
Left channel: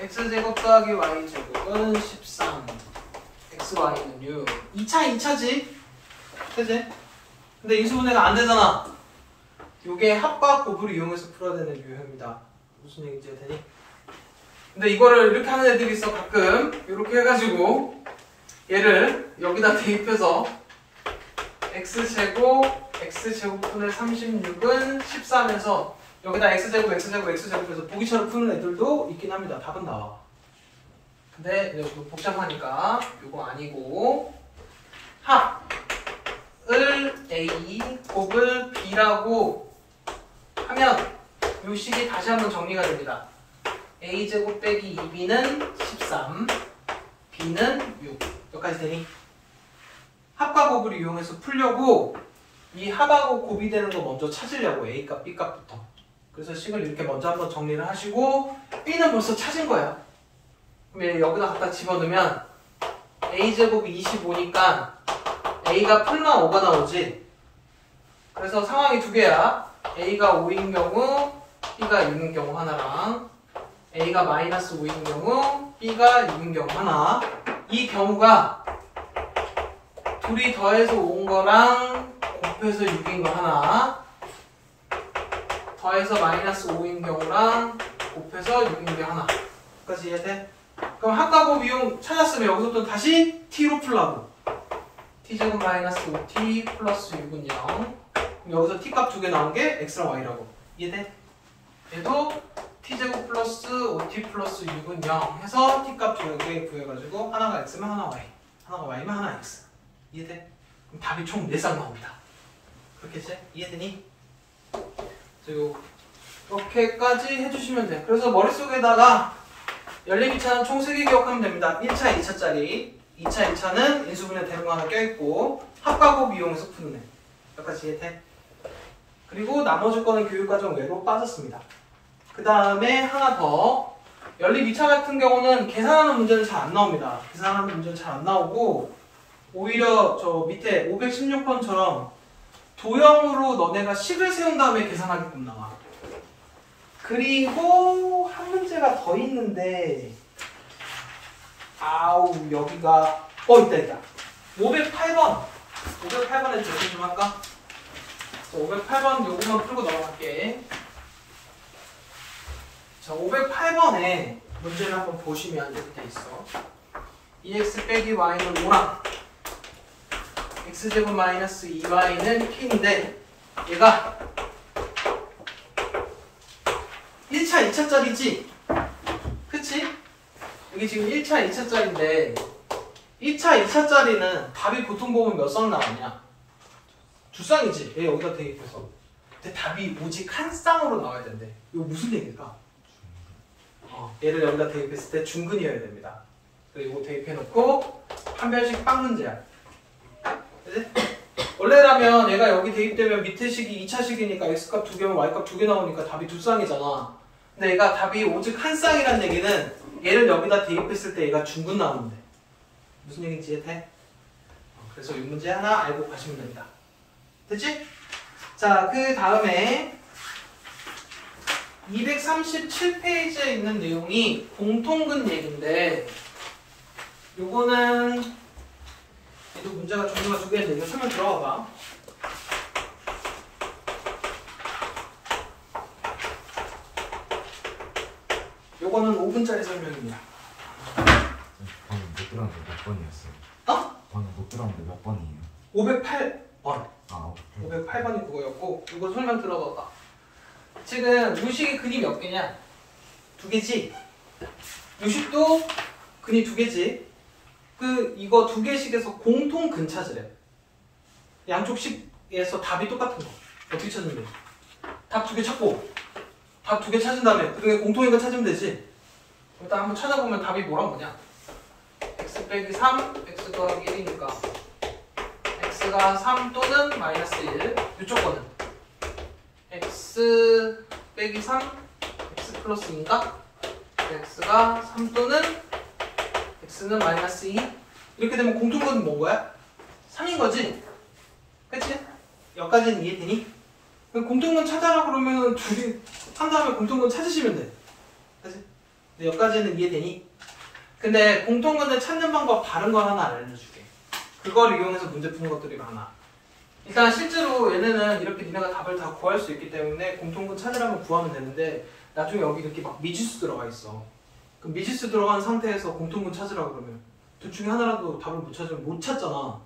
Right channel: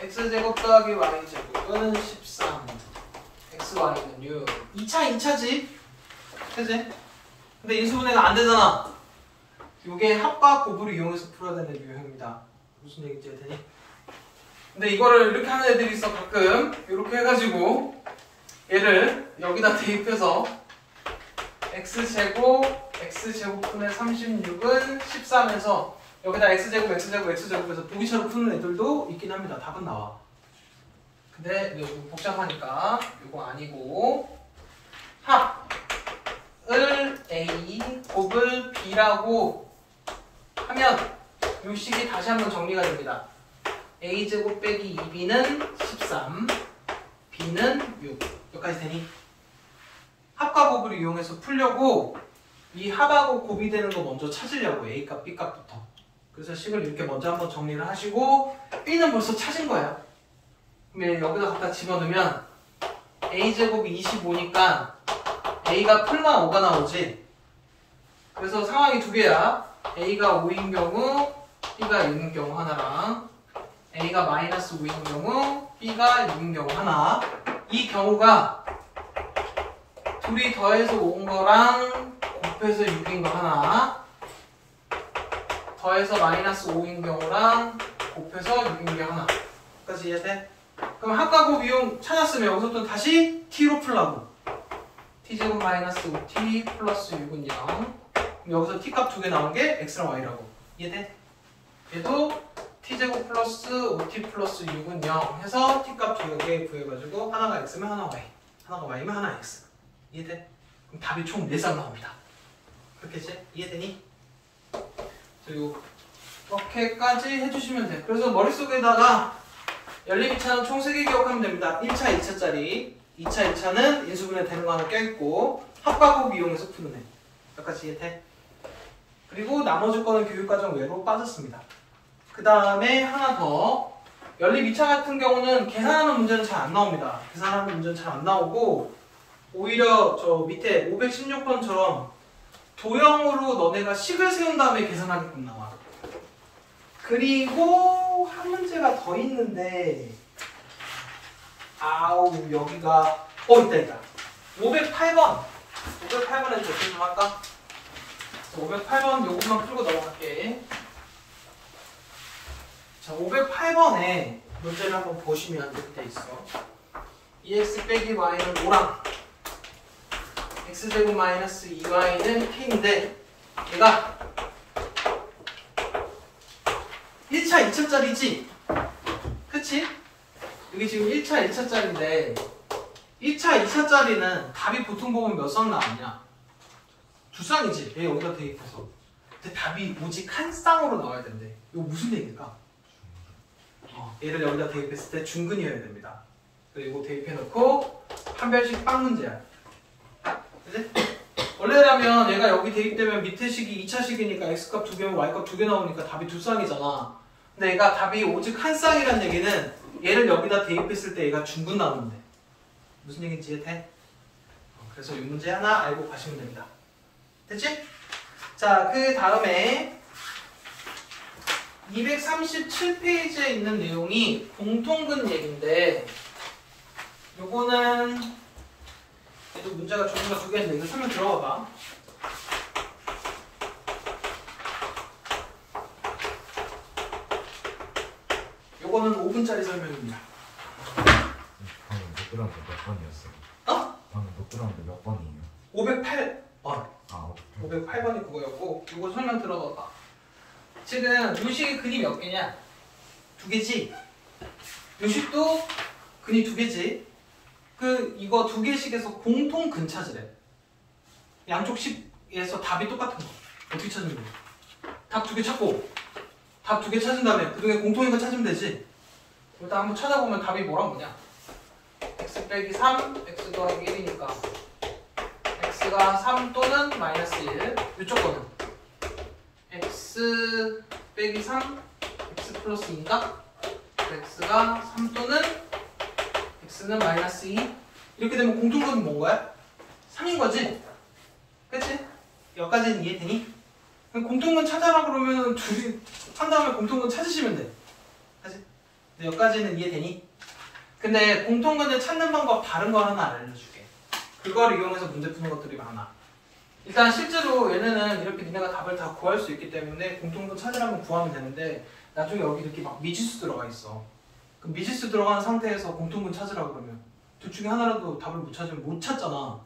x제곱 더하기 y제곱은 13 xy는 6 2차지? 그치? 근데 인수분해가 안 되잖아. 이게 합과 곱을 이용해서 풀어야 되는 유형입니다. 무슨 얘기인지 되니? 근데 이거를 이렇게 하는 애들이 있어. 가끔 이렇게 해가지고 얘를 여기다 대입해서 x제곱분의 36은 13에서 여기다 x제곱에서 보기처럼 푸는 애들도 있긴 합니다. 답은 나와. 근데 이거 좀 복잡하니까 이거 아니고 합을 a, 곱을 b라고 하면 이 식이 다시 한번 정리가 됩니다. a제곱 빼기 2b는 13, b는 6. 여기까지 되니? 합과 곱을 이용해서 풀려고 이 합하고 곱이 되는 거 먼저 찾으려고 a값, b값부터. 그래서 식을 이렇게 먼저 한번 정리를 하시고 b는 벌써 찾은 거야. 그럼 여기다 갖다 집어넣으면 a제곱이 25니까 a가 플라 5가 나오지. 그래서 상황이 두 개야. a가 5인 경우 b가 6인 경우 하나랑 a가 마이너스 5인 경우 b가 6인 경우 하나. 이 경우가 둘이 더해서 5인 거랑 곱해서 6인 거 하나, 더해서 마이너스 5인 경우랑 곱해서 6인 게 하나. 여기까지 이해돼? 그럼 합과 곱 이용 찾았으면 여기서부터 다시 t로 풀라고. t제곱 마이너스 5t 플러스 6은 0. 그럼 여기서 t값 두 개 나온 게 x랑 y라고. 이해돼? 얘도 t제곱 플러스 5t 플러스 6은 0 해서 t값 두 개 구해가지고 하나가 x면 하나 y, 하나가 y면 하나 x. 이해돼? 그럼 답이 총 4쌍 나옵니다. 그렇겠지? 이해되니? 이렇게까지 해주시면 돼. 그래서 머릿속에다가 연립2차는 총 3개 기억하면 됩니다. 1차, 2차짜리. 2차, 2차는 인수분해 되는 거 하나 껴있고 합과 곱 이용해서 푸는 애. 여기까지 이해돼? 그리고 나머지 거는 교육과정 외로 빠졌습니다. 그 다음에 하나 더. 연립 2차 같은 경우는 계산하는 문제는 잘 안 나옵니다. 계산하는 문제는 잘 안 나오고 오히려 저 밑에 516번처럼 도형으로 너네가 식을 세운 다음에 계산하게끔 나와. 그리고 한 문제가 더 있는데 아우 여기가 있다 508번에 대신 좀 할까? 508번 요거만 풀고 넘어갈게. 자, 508번에 문제를 한번 보시면 이렇게 돼 있어. 2x 빼기 y는 5랑 x제곱 마이너스 2y는 k인데 얘가 1차, 2차짜리지? 그치? 이게 지금 1차, 2차짜리인데 1차, 2차짜리는 답이 보통 보면 몇 쌍 나왔냐? 두 쌍이지? 얘 여기다 대입해서. 근데 답이 오직 한 쌍으로 나와야 된대. 이거 무슨 얘기일까? 얘를 여기다 대입했을 때 중근이어야 됩니다. 그리고 대입해놓고 한 별씩 빵 문제야. 그치? 원래라면 얘가 여기 대입되면 밑에 식이 2차식이니까 x값 2개면 y값 2개 나오니까 답이 두 쌍이잖아. 근데 얘가 답이 오직 한 쌍이란 얘기는 얘를 여기다 대입했을 때 얘가 중근 나오는데 무슨 얘기인지 이해돼? 그래서 이 문제 하나 알고 가시면 됩니다. 됐지? 자, 그 다음에 237페이지에 있는 내용이 공통근 얘기인데 요거는 얘도 문제가 종류가 두 개인데 이거 설명 들어가 봐. 요거는 5분짜리 설명입니다. 방금 못 들었는데 몇 번이었어요? 어? 방금 못 들었는데 몇 번이에요? 508번. 아 508번이 그거였고 이거 설명 들어봐봐. 지금 요식의 근이 몇 개냐? 2개지? 요식도 근이 2개지? 이거 2개씩에서 공통 근 찾으래. 양쪽 식에서 답이 똑같은 거. 어떻게 찾으면 돼? 답 2개 찾고 답 2개 찾은 다음에 그중에 공통인 거 찾으면 되지. 일단 한번 찾아보면 답이 뭐냐? x 빼기 3, x 더하기 1이니까 x가 3 또는 마이너스 1. 이쪽 거는 x 빼기 3, x 플러스 2인가? x가 3 또는 x는 마이너스 2. 이렇게 되면 공통근은 뭔 거야? 3인 거지? 그치? 여기까지는 이해되니? 공통근 찾아라 그러면은 2개 한 다음에 공통근 찾으시면 돼. 그치? 근데 여기까지는 이해되니? 근데 공통근을 찾는 방법 다른 거 하나 알려줄게. 그걸 이용해서 문제 푸는 것들이 많아. 일단 실제로 얘네는 이렇게 니네가 답을 다 구할 수 있기 때문에 공통근 찾으라면 구하면 되는데 나중에 여기 이렇게 막 미지수 들어가 있어. 그럼 미지수 들어간 상태에서 공통근 찾으라 그러면 둘 중에 하나라도 답을 못 찾으면 못 찾잖아.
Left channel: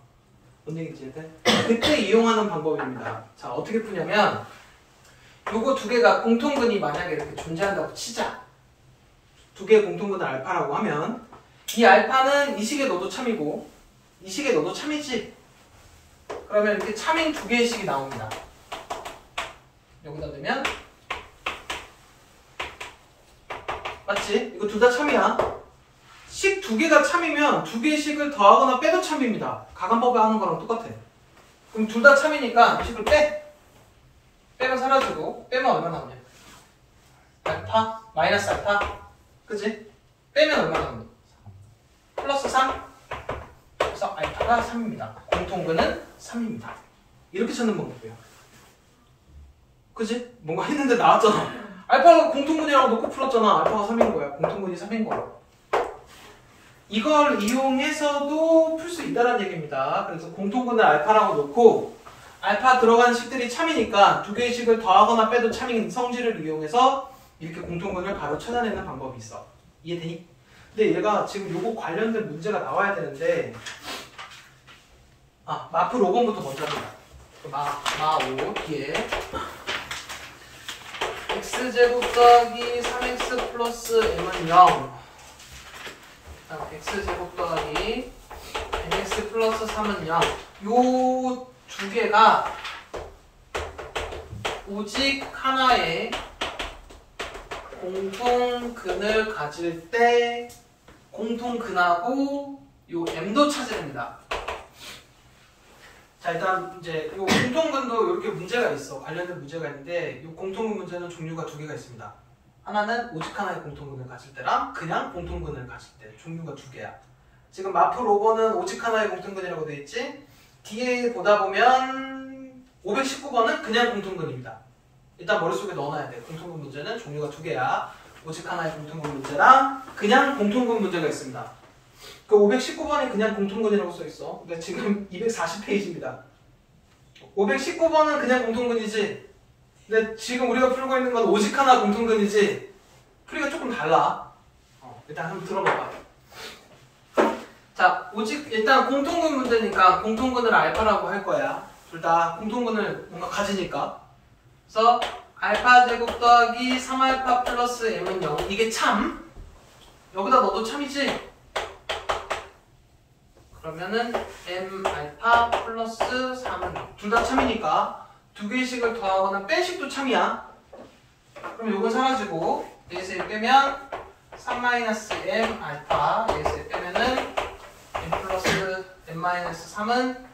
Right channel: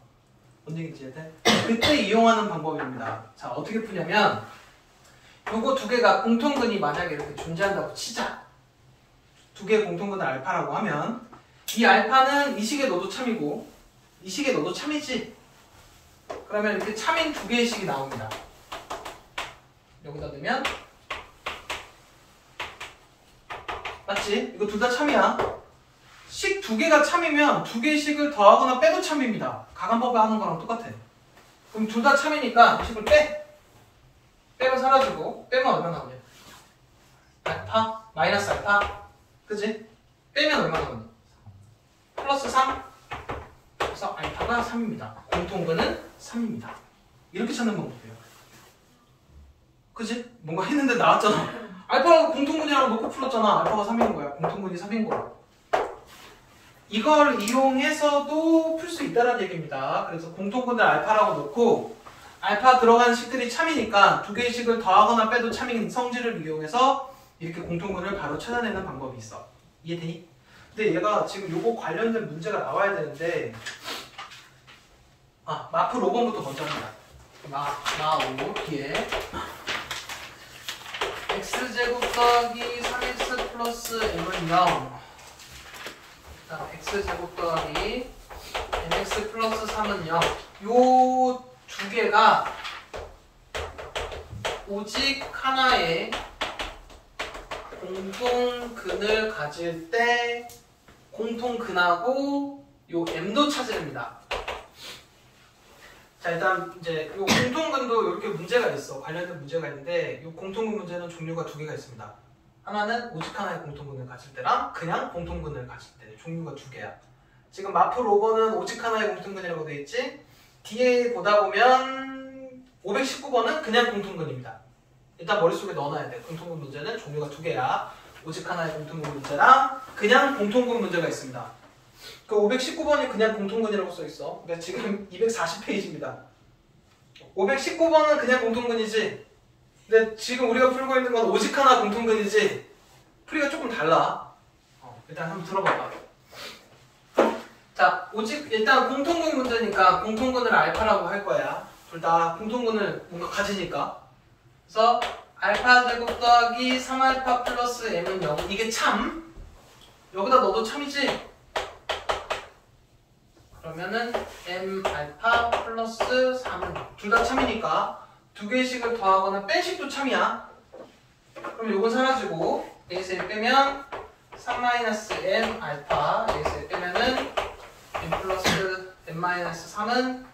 뭔 얘기인지 이해돼? 그때 이용하는 방법입니다. 자, 어떻게 푸냐면 요거 2개가 공통근이 만약에 이렇게 존재한다고 치자. 2개의 공통근을 알파라고 하면 이 알파는 이 식에 넣어도 참이고 이 식에 넣어도 참이지. 그러면 이렇게 참인 2개의 식이 나옵니다. 여기다 넣으면 맞지? 이거 둘 다 참이야. 식 2개가 참이면 2개의 식을 더하거나 빼도 참입니다. 가간법에 하는 거랑 똑같아. 그럼 둘 다 참이니까 이 식을 빼. 빼면 사라지고 빼면 얼마 나오냐? 알파 마이너스 알파. 그치? 빼면 얼마 나오냐? 플러스 3. 그래서 알파가 3입니다. 공통근은 3입니다. 이렇게 찾는 방법이에요. 그치? 뭔가 했는데 나왔잖아. 알파가 공통근이라고 놓고 풀었잖아. 알파가 3인 거야. 공통근이 3인 거야. 이걸 이용해서도 풀 수 있다는 얘기입니다. 그래서 공통근을 알파라고 놓고 알파 들어간 식들이 참이니까 2개의 식을 더하거나 빼도 참인 성질을 이용해서 이렇게 공통근을 바로 찾아내는 방법이 있어. 이해되니? 근데 얘가 지금 요거 관련된 문제가 나와야 되는데 마프 5번부터 먼저 합니다. 마5 뒤에 x제곱 더하기 3x 플러스 m은 0. x제곱 더하기 mx 플러스 3은 0. 요 2개가 오직 하나의 공통근을 가질 때 공통근하고 요 m도 찾으랍니다. 자, 일단 이제 요 공통근도 이렇게 문제가 있어. 관련된 문제가 있는데 요 공통근 문제는 종류가 2개가 있습니다. 하나는 오직 하나의 공통근을 가질 때랑 그냥 공통근을 가질 때 종류가 2개야. 지금 마플 5번은 오직 하나의 공통근이라고 돼 있지. 뒤에 보다 보면 519번은 그냥 공통근입니다. 일단 머릿속에 넣어놔야 돼. 공통근 문제는 종류가 2개야. 오직 하나의 공통근 문제랑 그냥 공통근 문제가 있습니다. 그 519번이 그냥 공통근이라고 써있어. 근데 지금 240페이지입니다. 519번은 그냥 공통근이지. 근데 지금 우리가 풀고 있는 건 오직 하나 공통근이지. 풀이가 조금 달라. 일단 한번 들어봐봐. 자, 오직 일단 공통근 문제니까 공통근을 알파라고 할 거야. 둘 다 공통근을 뭔가 가지니까. 그래서 알파 제곱 더하기 3알파 플러스 m은 0. 이게 참. 여기다 넣어도 참이지. 그러면은 m 알파 플러스 3은 둘 다 참이니까 2개의 식을 더하거나 뺀 식도 참이야. 그럼 요건 사라지고 y에서 1 빼면 3-m 알파 y에서 1 빼면은 m 플러스 m-3은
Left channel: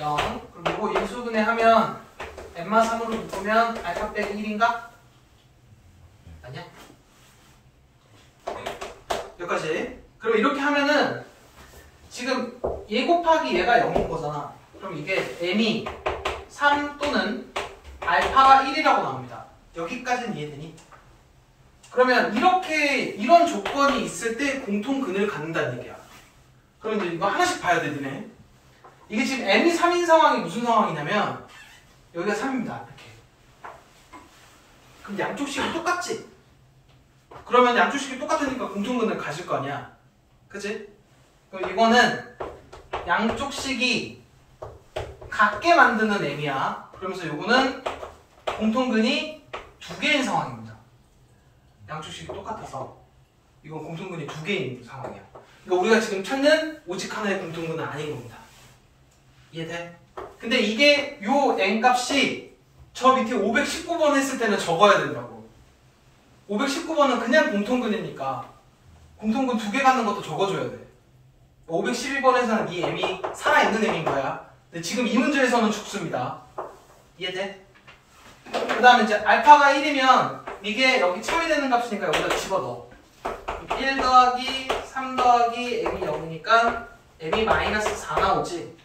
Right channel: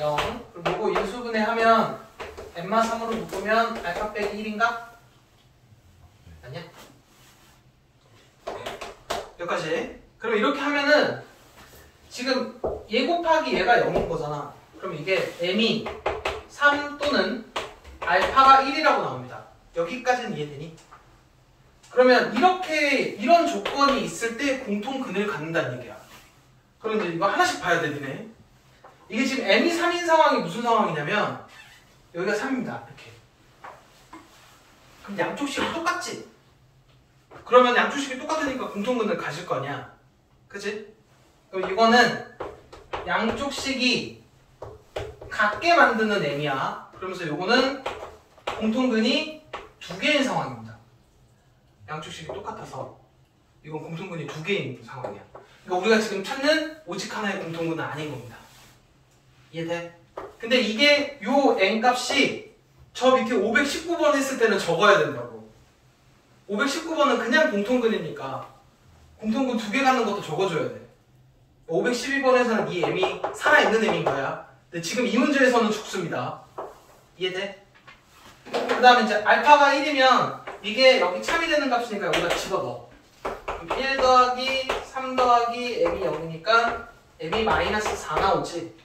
0. 그리고 요거 인수분해 하면 m만 3으로 묶으면 알파 빼기 1인가? 맞냐? 여기까지. 그럼 이렇게 하면은 지금 얘 곱하기 얘가 0인 거잖아. 그럼 이게 m이 3 또는 알파가 1이라고 나옵니다. 여기까지는 이해되니? 그러면 이런 조건이 있을 때 공통근을 갖는다는 얘기야. 그럼 이제 이거 하나씩 봐야 돼, 니네. 이게 지금 m이 3인 상황이 무슨 상황이냐면 여기가 3입니다. 이렇게. 그럼 양쪽 식이 똑같지? 그러면 양쪽 식이 똑같으니까 공통근을 가질 거 아니야. 그치? 그럼 이거는 양쪽 식이 같게 만드는 m이야. 그러면서 요거는 공통근이 2개인 상황입니다. 양쪽 식이 똑같아서 이건 공통근이 2개인 상황이야. 그러니까 우리가 지금 찾는 오직 하나의 공통근은 아닌 겁니다. 이해돼? 근데 이게 요 n값이 저 밑에 519번 했을 때는 적어야 된다고. 519번은 그냥 공통근이니까 공통근 2개 갖는 것도 적어줘야 돼. 512번에서는 이 m이 살아있는 m인 거야. 근데 지금 이 문제에서는 죽습니다. 이해돼? 그 다음에 이제 알파가 1이면 이게 여기 참이 되는 값이니까 여기다 집어넣어. 1 더하기 3 더하기 m이 0이니까 m이 마이너스 4 나오지.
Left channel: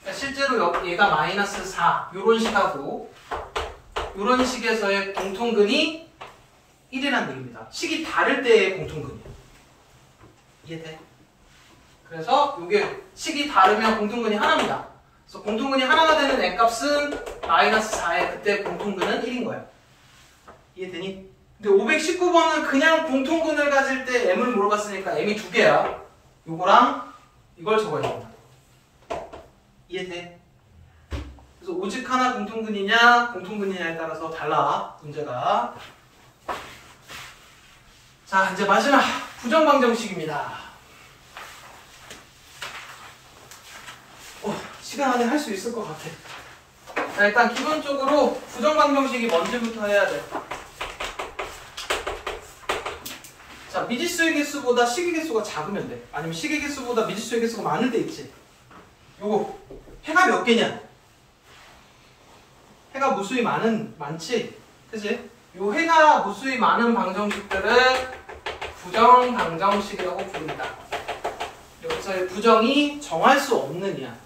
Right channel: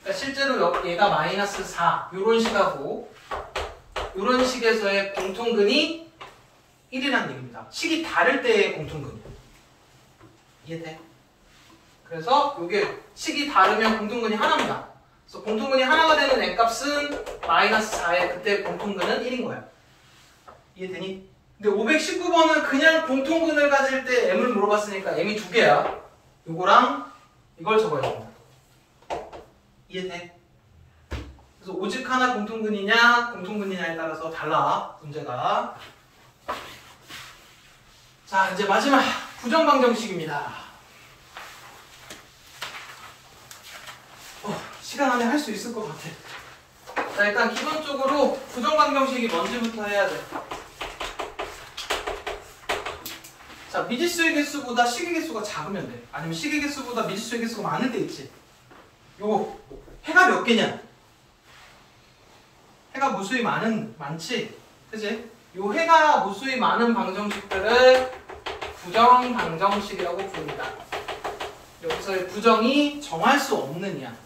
그러니까 실제로 얘가 마이너스 4 요런 식하고 요런 식에서의 공통근이 1이라는 얘기입니다. 식이 다를 때의 공통근이야. 이해돼? 그래서 요게 식이 다르면 공통근이 하나입니다. 그래서 공통근이 하나가 되는 n값은 마이너스 4의 그때 공통근은 1인 거야. 이해되니? 근데 519번은 그냥 공통근을 가질 때 m을 물어봤으니까 m이 2개야. 요거랑 이걸 적어야 된다. 이해돼? 그래서 오직 하나 공통근이냐 공통근이냐에 따라서 달라 문제가. 자 이제 마지막 부정방정식입니다. 시간 안에 할 수 있을 것 같아. 자 일단 기본적으로 부정방정식이 뭔지부터 해야 돼. 자 미지수의 개수보다 식의 개수가 작으면 돼. 아니면 식의 개수보다 미지수의 개수가 많을 때 있지. 요거 해가 몇 개냐? 해가 무수히 많지? 그치? 요 해가 무수히 많은 방정식들을 부정방정식이라고 부릅니다. 여기서의 부정이 정할 수 없는 이야.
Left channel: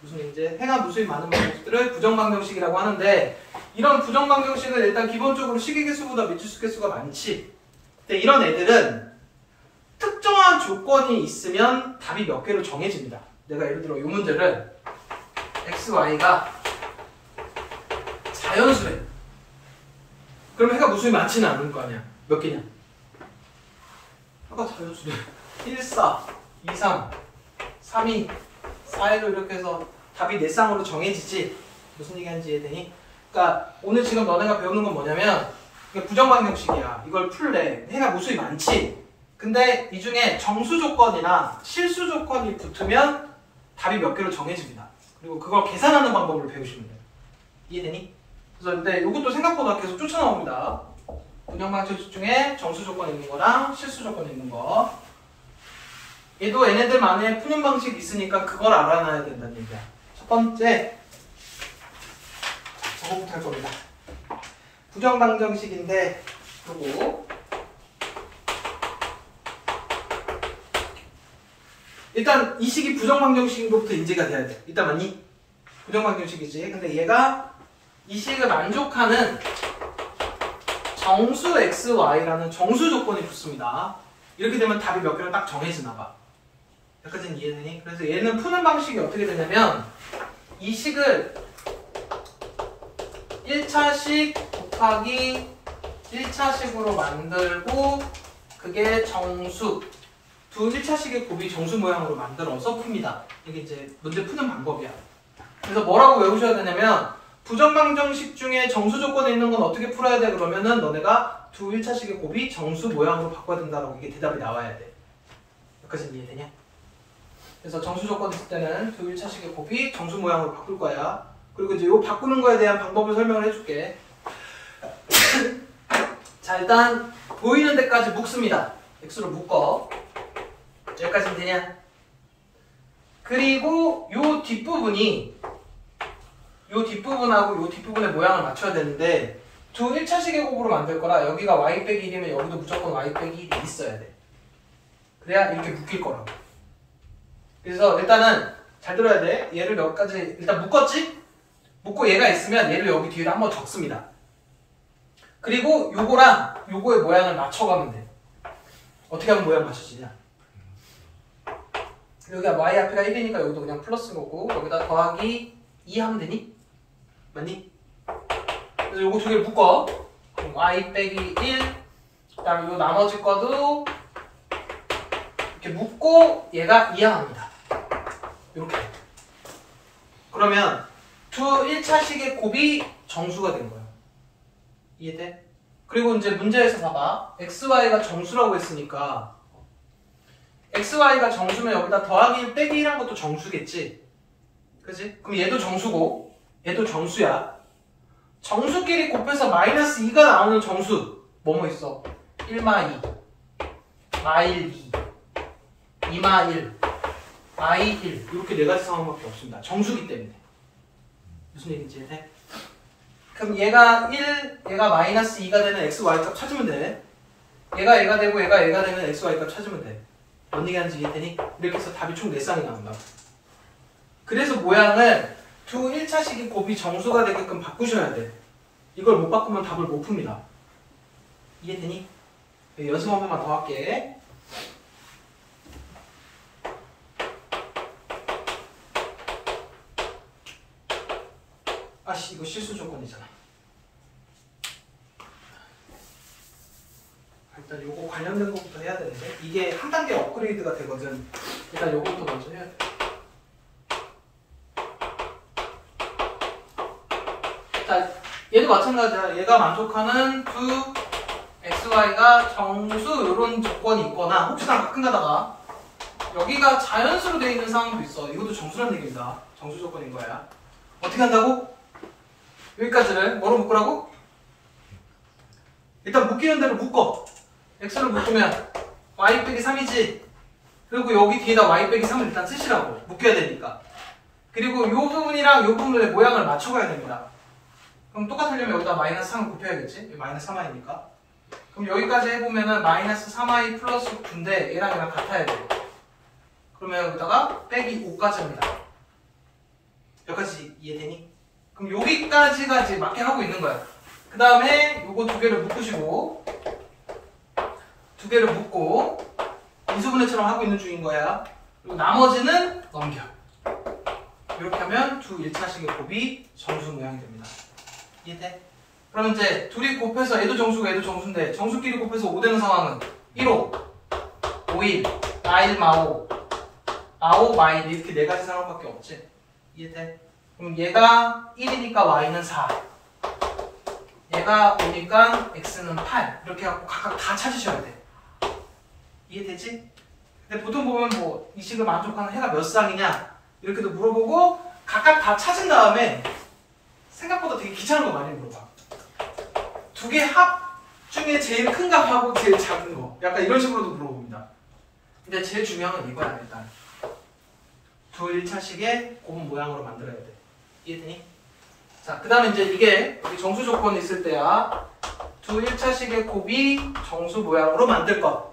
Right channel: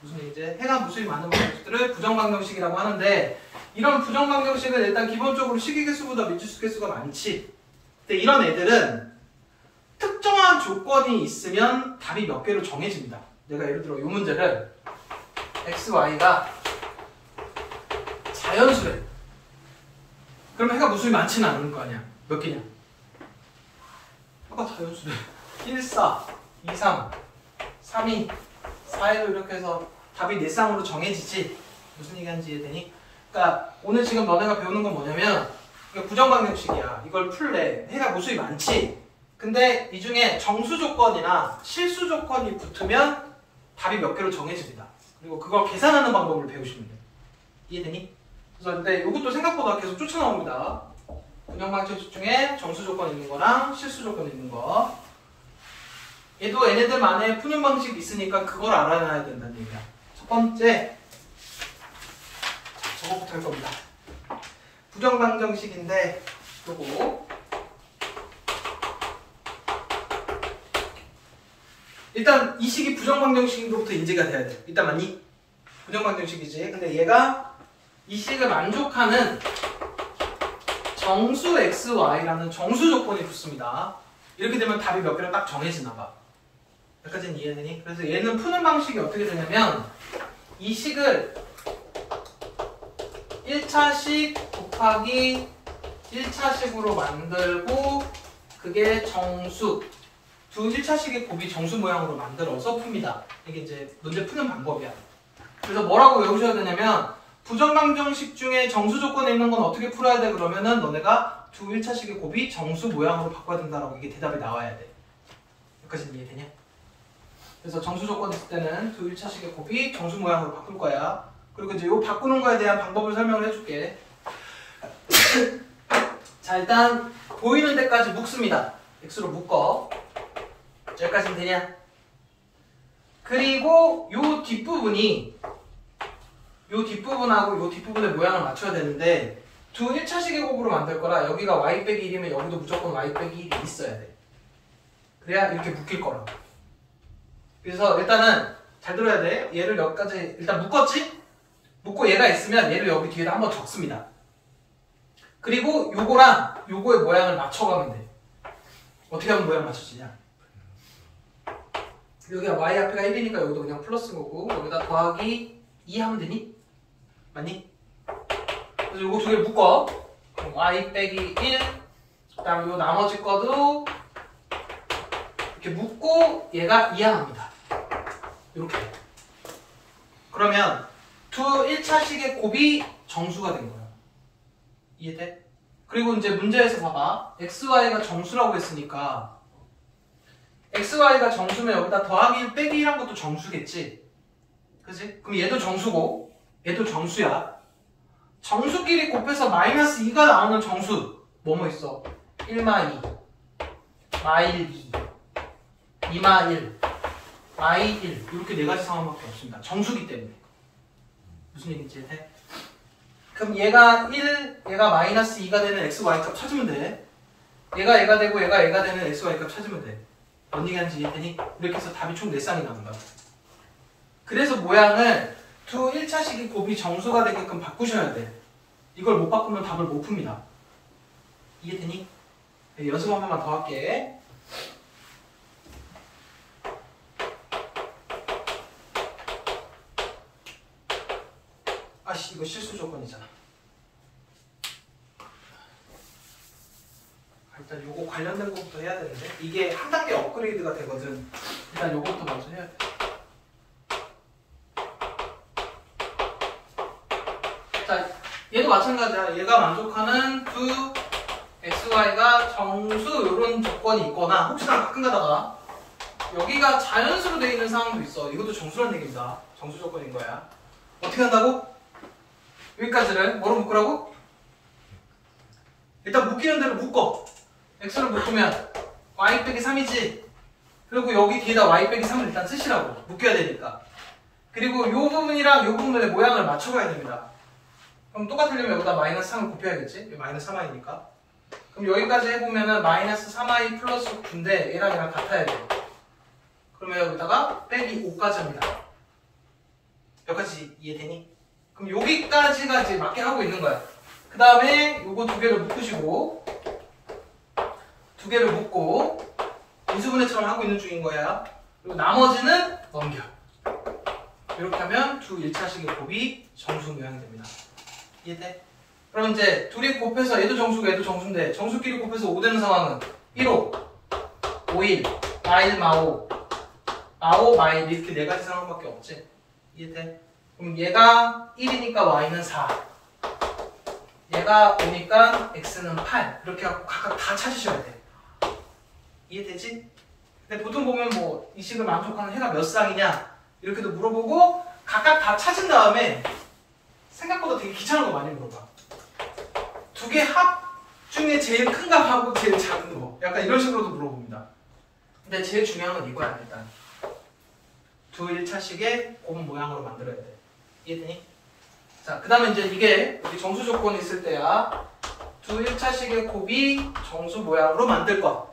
무슨 이제 해가 무수히 많은 방정식들을 부정방정식이라고 하는데 이런 부정방정식은 일단 기본적으로 식의 개수보다 미지수 개수가 많지. 근데 이런 애들은 특정한 조건이 있으면 답이 몇 개로 정해집니다. 내가 예를 들어 이 문제를 x, y가 자연수래. 그럼 해가 무수히 많지는 않을 거 아니야. 몇 개냐? 해가 자연수래. 1, 4, 2, 3, 3, 2, 4, 1로 이렇게 해서 답이 네 쌍으로 정해지지. 무슨 얘기하는지 이해되니? 그러니까 오늘 지금 너네가 배우는 건 뭐냐면 부정방정식이야. 이걸 풀래. 해가 무수히 많지. 근데 이 중에 정수 조건이나 실수 조건이 붙으면 답이 몇 개로 정해집니다. 그리고 그걸 계산하는 방법을 배우시면 돼요. 이해되니? 그래서 근데 이것도 생각보다 계속 쫓아나옵니다. 부정방정식 중에 정수 조건 있는 거랑 실수 조건 있는 거. 얘도 얘네들만의 푸는 방식이 있으니까 그걸 알아놔야 된다는 얘기야. 첫 번째, 저거부터 할 겁니다. 부정방정식인데 요거 일단 이 식이 부정방정식인 것부터 인지가 돼야 돼. 일단 맞니? 부정방정식이지. 근데 얘가 이 식을 만족하는 정수 x, y라는 정수 조건이 붙습니다. 이렇게 되면 답이 몇 개로 딱 정해지나 봐. 여기까지는 이해되니? 그래서 얘는 푸는 방식이 어떻게 되냐면 이 식을 1차식 곱하기 1차식으로 만들고 그게 정수 두 1차식의 곱이 정수 모양으로 만들어서 풉니다. 이게 이제 문제 푸는 방법이야. 그래서 뭐라고 외우셔야 되냐면 부정방정식 중에 정수 조건에 있는 건 어떻게 풀어야 돼? 그러면은 너네가 두 1차식의 곱이 정수 모양으로 바꿔야 된다라고 이게 대답이 나와야 돼. 여기까지는 이해되냐? 그래서 정수 조건 있을 때는 두 1차식의 곱이 정수 모양으로 바꿀 거야. 그리고 이제 이 바꾸는 거에 대한 방법을 설명을 해줄게. 자 일단 보이는 데까지 묶습니다. x로 묶어. 여기까지는 되냐? 그리고 요 뒷부분이 요 뒷부분하고 요 뒷부분의 모양을 맞춰야 되는데 두 1차식의 곱으로 만들 거라 여기가 y 빼기 1이면 여기도 무조건 y 빼기 1이 있어야 돼. 그래야 이렇게 묶일 거라고. 그래서 일단은 잘 들어야 돼. 얘를 몇 가지 일단 묶었지? 묶고 얘가 있으면 얘를 여기 뒤에다 한번 적습니다. 그리고 요거랑 요거의 모양을 맞춰가면 돼. 어떻게 하면 모양 맞춰지냐? 여기가 y 앞에가 1이니까 여기도 그냥 플러스인 거고 여기다 더하기 2 하면 되니? 맞니? 그래서 요거 두 개를 묶어. 그럼 y 빼기 1 그다음에 요 나머지 거도 이렇게 묶고 얘가 이항합니다. 이렇게. 그러면 두 1차식의 곱이 정수가 된 거예요. 이해돼? 그리고 이제 문제에서 봐봐. xy가 정수라고 했으니까 xy가 정수면 여기다 더하기 1 빼기 1한 것도 정수겠지? 그치? 그럼 얘도 정수고 얘도 정수야. 정수끼리 곱해서 마이너스 2가 나오는 정수 뭐뭐 있어? 1마 2 마일 2 2마 1 마이 1 이렇게 네 가지 상황밖에 없습니다. 정수기 때문에. 무슨 얘기인지 이해돼? 그럼 얘가 1, 얘가 마이너스 2가 되는 xy 값 찾으면 돼. 얘가 되고 얘가 되는 xy 값 찾으면 돼. 뭔 얘기하는지 이해되니? 이렇게 해서 답이 총 4쌍이 나온다고. 그래서 모양을 두 1차식이 곱이 정수가 되게끔 바꾸셔야 돼. 이걸 못 바꾸면 답을 못 풉니다. 이해되니? 네, 연습 한 번만 더 할게. 아씨, 이거 실수 조건이잖아. 일단 요거 관련된 것부터 해야 되는데 이게 한 단계 업그레이드가 되거든. 일단 요것부터 먼저 해야 돼. 자, 얘도 마찬가지야. 얘가 만족하는 두 xy가 정수 이런 조건이 있거나 혹시나 가끔 가다가 여기가 자연수로 되어 있는 상황도 있어. 이것도 정수란 얘기입니다. 정수 조건인 거야. 어떻게 한다고? 여기까지를 뭐로 묶으라고? 일단 묶이는 대로 묶어. x를 묶으면 y 빼기 3이지. 그리고 여기 뒤에다 y 빼기 3을 일단 쓰시라고. 묶여야 되니까. 그리고 이 부분이랑 이 부분의 모양을 맞춰가야 됩니다. 그럼 똑같으려면 여기다 마이너스 3을 곱해야겠지? 마이너스 3i니까. 그럼 여기까지 해보면은 마이너스 3i 플러스 9인데 얘랑 얘랑 같아야 돼. 그러면 여기다가 빼기 5까지 합니다. 여기까지 이해되니? 그럼 여기까지가 이제 맞게 하고 있는 거야. 그 다음에 요거 두 개를 묶으시고 두 개를 묶고 인수분해처럼 하고 있는 중인 거야. 그리고 나머지는 넘겨. 이렇게 하면 두 1차식의 곱이 정수 모양이 됩니다. 이해돼? 그러면 이제 둘이 곱해서 얘도 정수가 얘도 정수인데 정수끼리 곱해서 5 되는 상황은 1호, 5일, 마일, 마오, 마오, 마일 이렇게 네 가지 상황밖에 없지. 이해돼? 그럼 얘가 1이니까 y는 4 얘가 5니까 x는 8 이렇게 해갖고 각각 다 찾으셔야 돼. 이해되지? 근데 보통 보면 뭐 이 식을 만족하는 해가 몇 쌍이냐 이렇게도 물어보고 각각 다 찾은 다음에 생각보다 되게 귀찮은 거 많이 물어봐. 두 개 합 중에 제일 큰 값하고 제일 작은 거 약간 이런 식으로도 물어봅니다. 근데 제일 중요한 건 이거야. 일단 두 1차식의 곱 모양으로 만들어야 돼. 이해되니? 자, 그 다음에 이제 이게 여기 정수 조건이 있을 때야 두 1차식의 곱이 정수 모양으로 만들 것.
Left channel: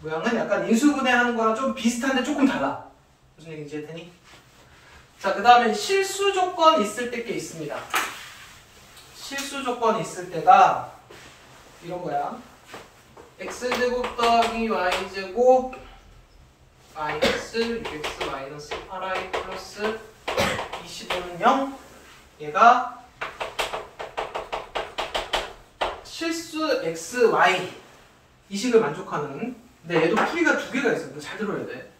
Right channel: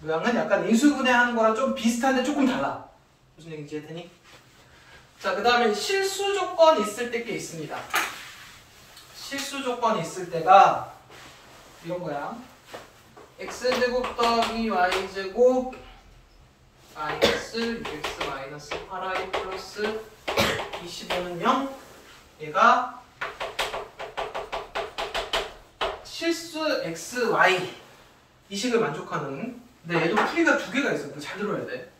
모양은 약간 인수분해하는 거랑 좀 비슷한데 조금 달라. 무슨 얘기인지 이해되니? 자, 그 다음에 실수 조건이 있을 때 게 있습니다. 실수 조건이 있을 때가 이런 거야. x제곱 더하기 y제곱 마이너스 6x 마이너스 8i 플러스 25는 0 얘가 실수 x, y 이 식을 만족하는. 근데 얘도 풀이가 두 개가 있어. 잘 들어야 돼.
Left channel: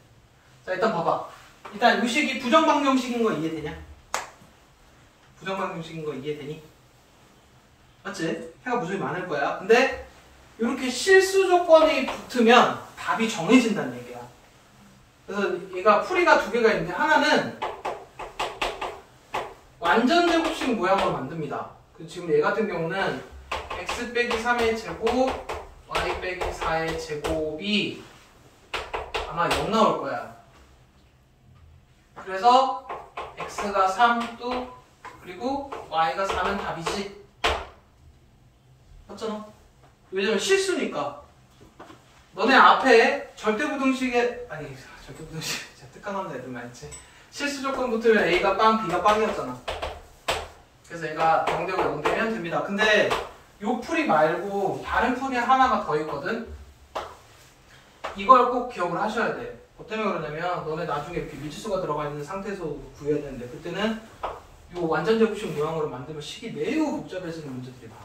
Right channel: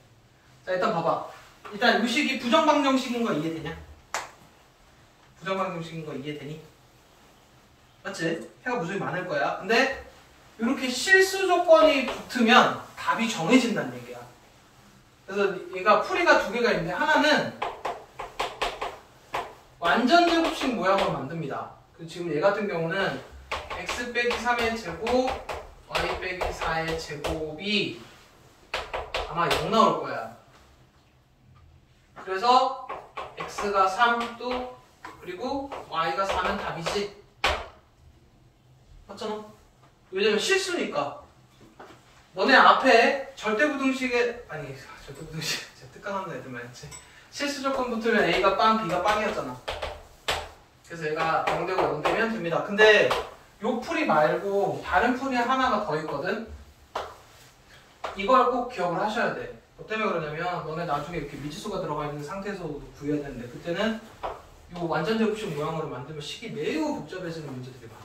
자, 일단 봐봐. 일단 이 식이 부정방정식인 거 이해되냐? 부정방정식인 거 이해되니? 맞지? 해가 무수히 많을 거야. 근데 이렇게 실수 조건이 붙으면 답이 정해진다는 얘기야. 그래서 얘가 풀이가 두 개가 있는데 하나는 완전 제곱식 모양으로 만듭니다. 지금 얘 같은 경우는 x 빼기 3의 제곱 y 빼기 4의 제곱이 아마 0 나올 거야. 그래서 x가 3 또 그리고 y가 4면 답이지. 맞잖아? 왜냐면 실수니까. 너네 앞에 절대부등식에 아니 절대부등식 제가 특강하는 애들만 했지. 실수 조건 붙으면 a가 빵 b가 빵이었잖아. 그래서 얘가 0되고 0되면 됩니다. 근데 요 풀이 말고 다른 풀이 하나가 더 있거든. 이걸 꼭 기억을 하셔야 돼. 뭐 때문에 그러냐면 너네 나중에 이렇게 미지수가 들어가 있는 상태에서 구해야 되는데 그때는 요 완전 제곱식 모양으로 만들면 식이 매우 복잡해지는 문제들이 많아.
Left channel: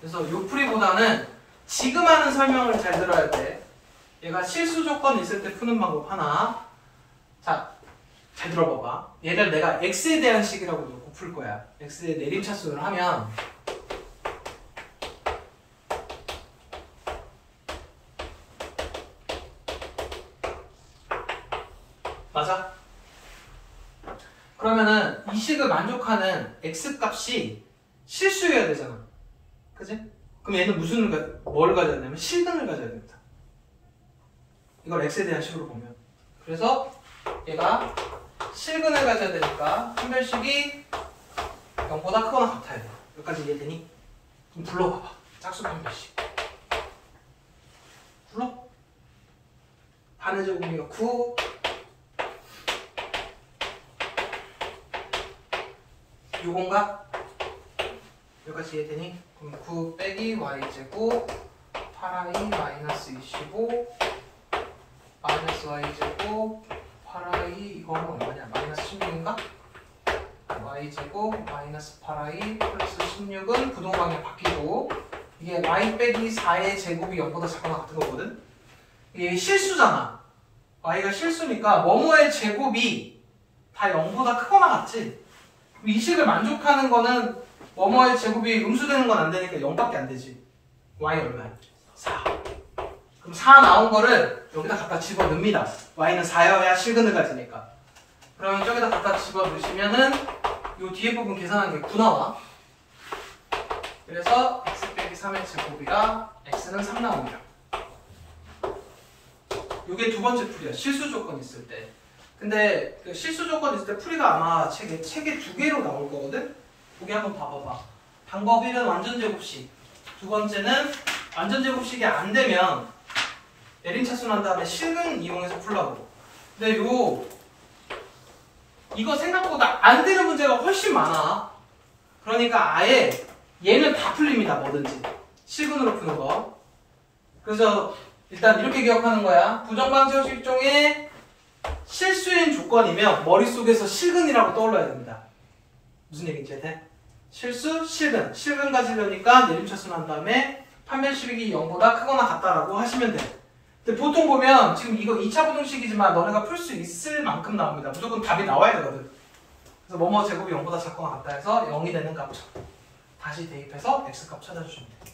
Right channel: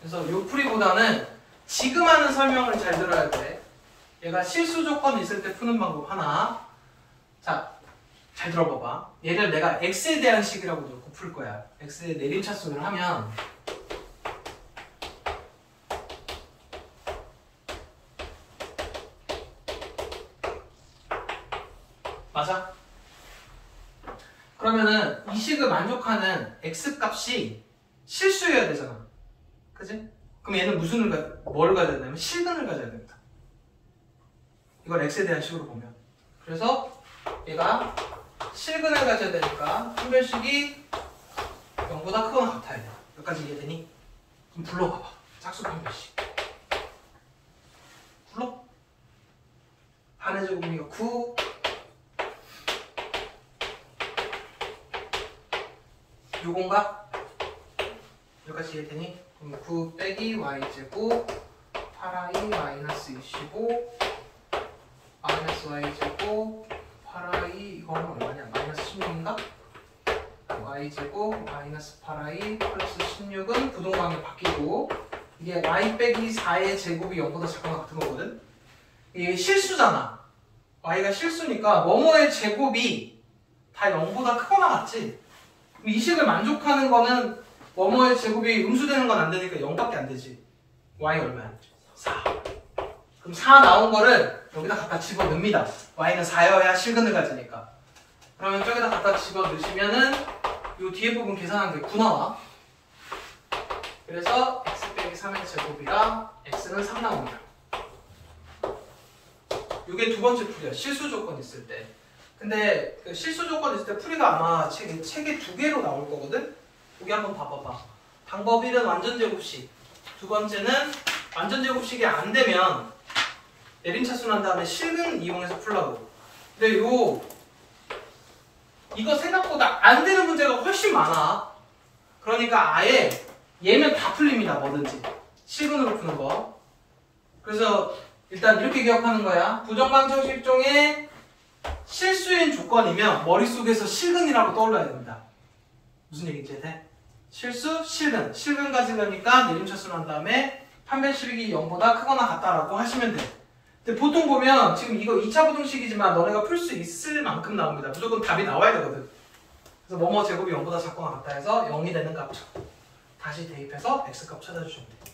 그래서 요 풀이보다는 지금 하는 설명을 잘 들어야 돼. 얘가 실수 조건 있을 때 푸는 방법 하나. 자, 잘 들어봐봐. 얘를 내가 x에 대한 식이라고 놓고 풀 거야. x의 내림차순을 하면 맞아? 그러면은 이 식을 만족하는 x 값이 실수여야 되잖아. 그지? 그럼 얘는 뭘 가져야 되냐면 실근을 가져야 됩니다. 이걸 x에 대한 식으로 보면. 그래서 얘가 실근을 가져야 되니까 판별식이 0보다 크거나 같아야 돼. 여기까지 이해되니? 그럼 불러봐봐. 짝수 판별식. 불러. 반의 제곱이가 9. 요건가? 여기까지 이해되니? 그럼 9 빼기 y제곱 8i 마이너스 25 마이너스 y제곱 8i 이거는 얼마냐? 마이너스 16인가? y제곱 마이너스 8i 플러스 16은 부동강에 바뀌고 이게 y 빼기 4의 제곱이 0보다 작거나 같은 거거든? 이게 실수잖아. y가 실수니까 뭐뭐의 제곱이 다 0보다 크거나 같지? 이 식을 만족하는 거는 뭐뭐의 제곱이 음수되는 건 안 되니까 0밖에 안 되지. y 얼마야? 4. 그럼 4 나온 거를 여기다 갖다 집어넣습니다. y는 4여야 실근을 가지니까. 그러면 저기다 갖다 집어넣으시면은 요 뒤에 부분 계산하는 게 9 나와. 그래서 x 빼기 3의 제곱이라 x는 3 나옵니다. 요게 두 번째 풀이야. 실수 조건 있을 때. 근데 그 실수 조건 있을 때 풀이가 아마 책에 2개로 나올 거거든? 거기 한번 봐봐봐. 방법 1은 완전 제곱식. 두 번째는 완전 제곱식이 안 되면 내림차순 한 다음에 실근 이용해서 풀라고. 근데 이거 생각보다 안 되는 문제가 훨씬 많아. 그러니까 아예 얘는 다 풀립니다. 뭐든지. 실근으로 푸는 거. 그래서 일단 이렇게 기억하는 거야. 부정방정식 중에 실수인 조건이면 머릿속에서 실근이라고 떠올려야 됩니다. 무슨 얘기인지 돼? 실수, 실근. 실근 가지려니까 내림차순 한 다음에 판별식이 0보다 크거나 같다라고 하시면 돼. 근데 보통 보면 지금 이거 2차 부등식이지만 너네가 풀 수 있을 만큼 나옵니다. 무조건 답이 나와야 되거든. 그래서 뭐뭐 제곱이 0보다 작거나 같다 해서 0이 되는 값 다시 대입해서 x값 찾아주시면 돼.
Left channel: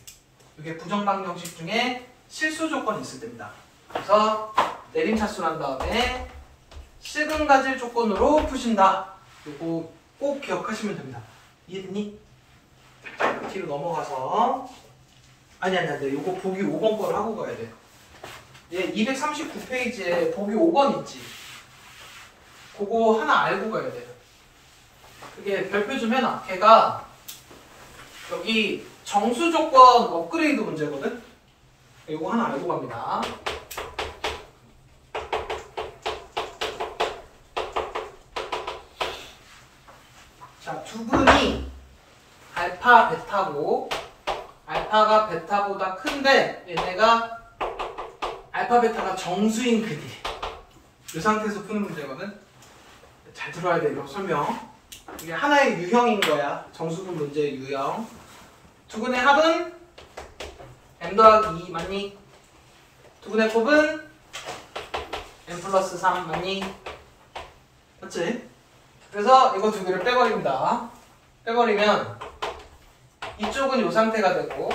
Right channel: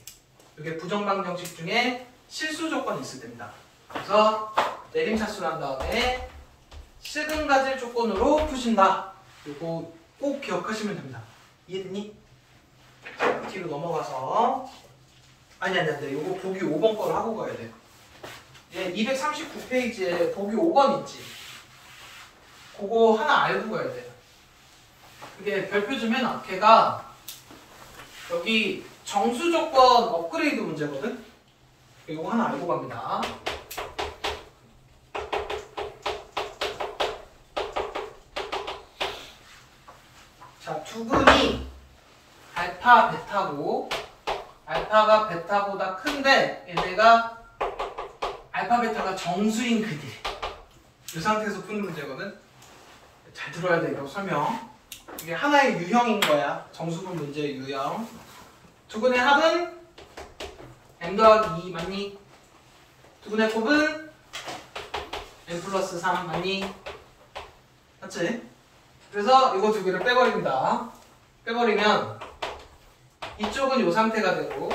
이게 부정방정식 중에 실수 조건이 있을 때입니다. 그래서 내림차순 한 다음에 실근 가질 조건으로 푸신다. 이거 꼭 기억하시면 됩니다. 이해되니? 뒤로 넘어가서 아니 이거 보기 5번 거를 하고 가야 돼. 얘 239페이지에 보기 5번 있지? 그거 하나 알고 가야 돼. 이게 별표 좀 해놔. 걔가 여기 정수 조건 업그레이드 문제거든? 이거 하나 알고 갑니다. 자, 두근이 알파, 베타고 알파가 베타보다 큰데 얘네가 알파, 베타가 정수인 그들. 이 상태에서 푸는 문제거든? 잘 들어야 돼, 이거 설명. 이게 하나의 유형인 거야. 정수분 문제의 유형. 두근의 합은 m 더하기 2 맞니? 두근의 곱은 m 플러스 3 맞니? 맞지? 그래서 이거 두 개를 빼버립니다. 빼버리면 이쪽은 이 상태가 되고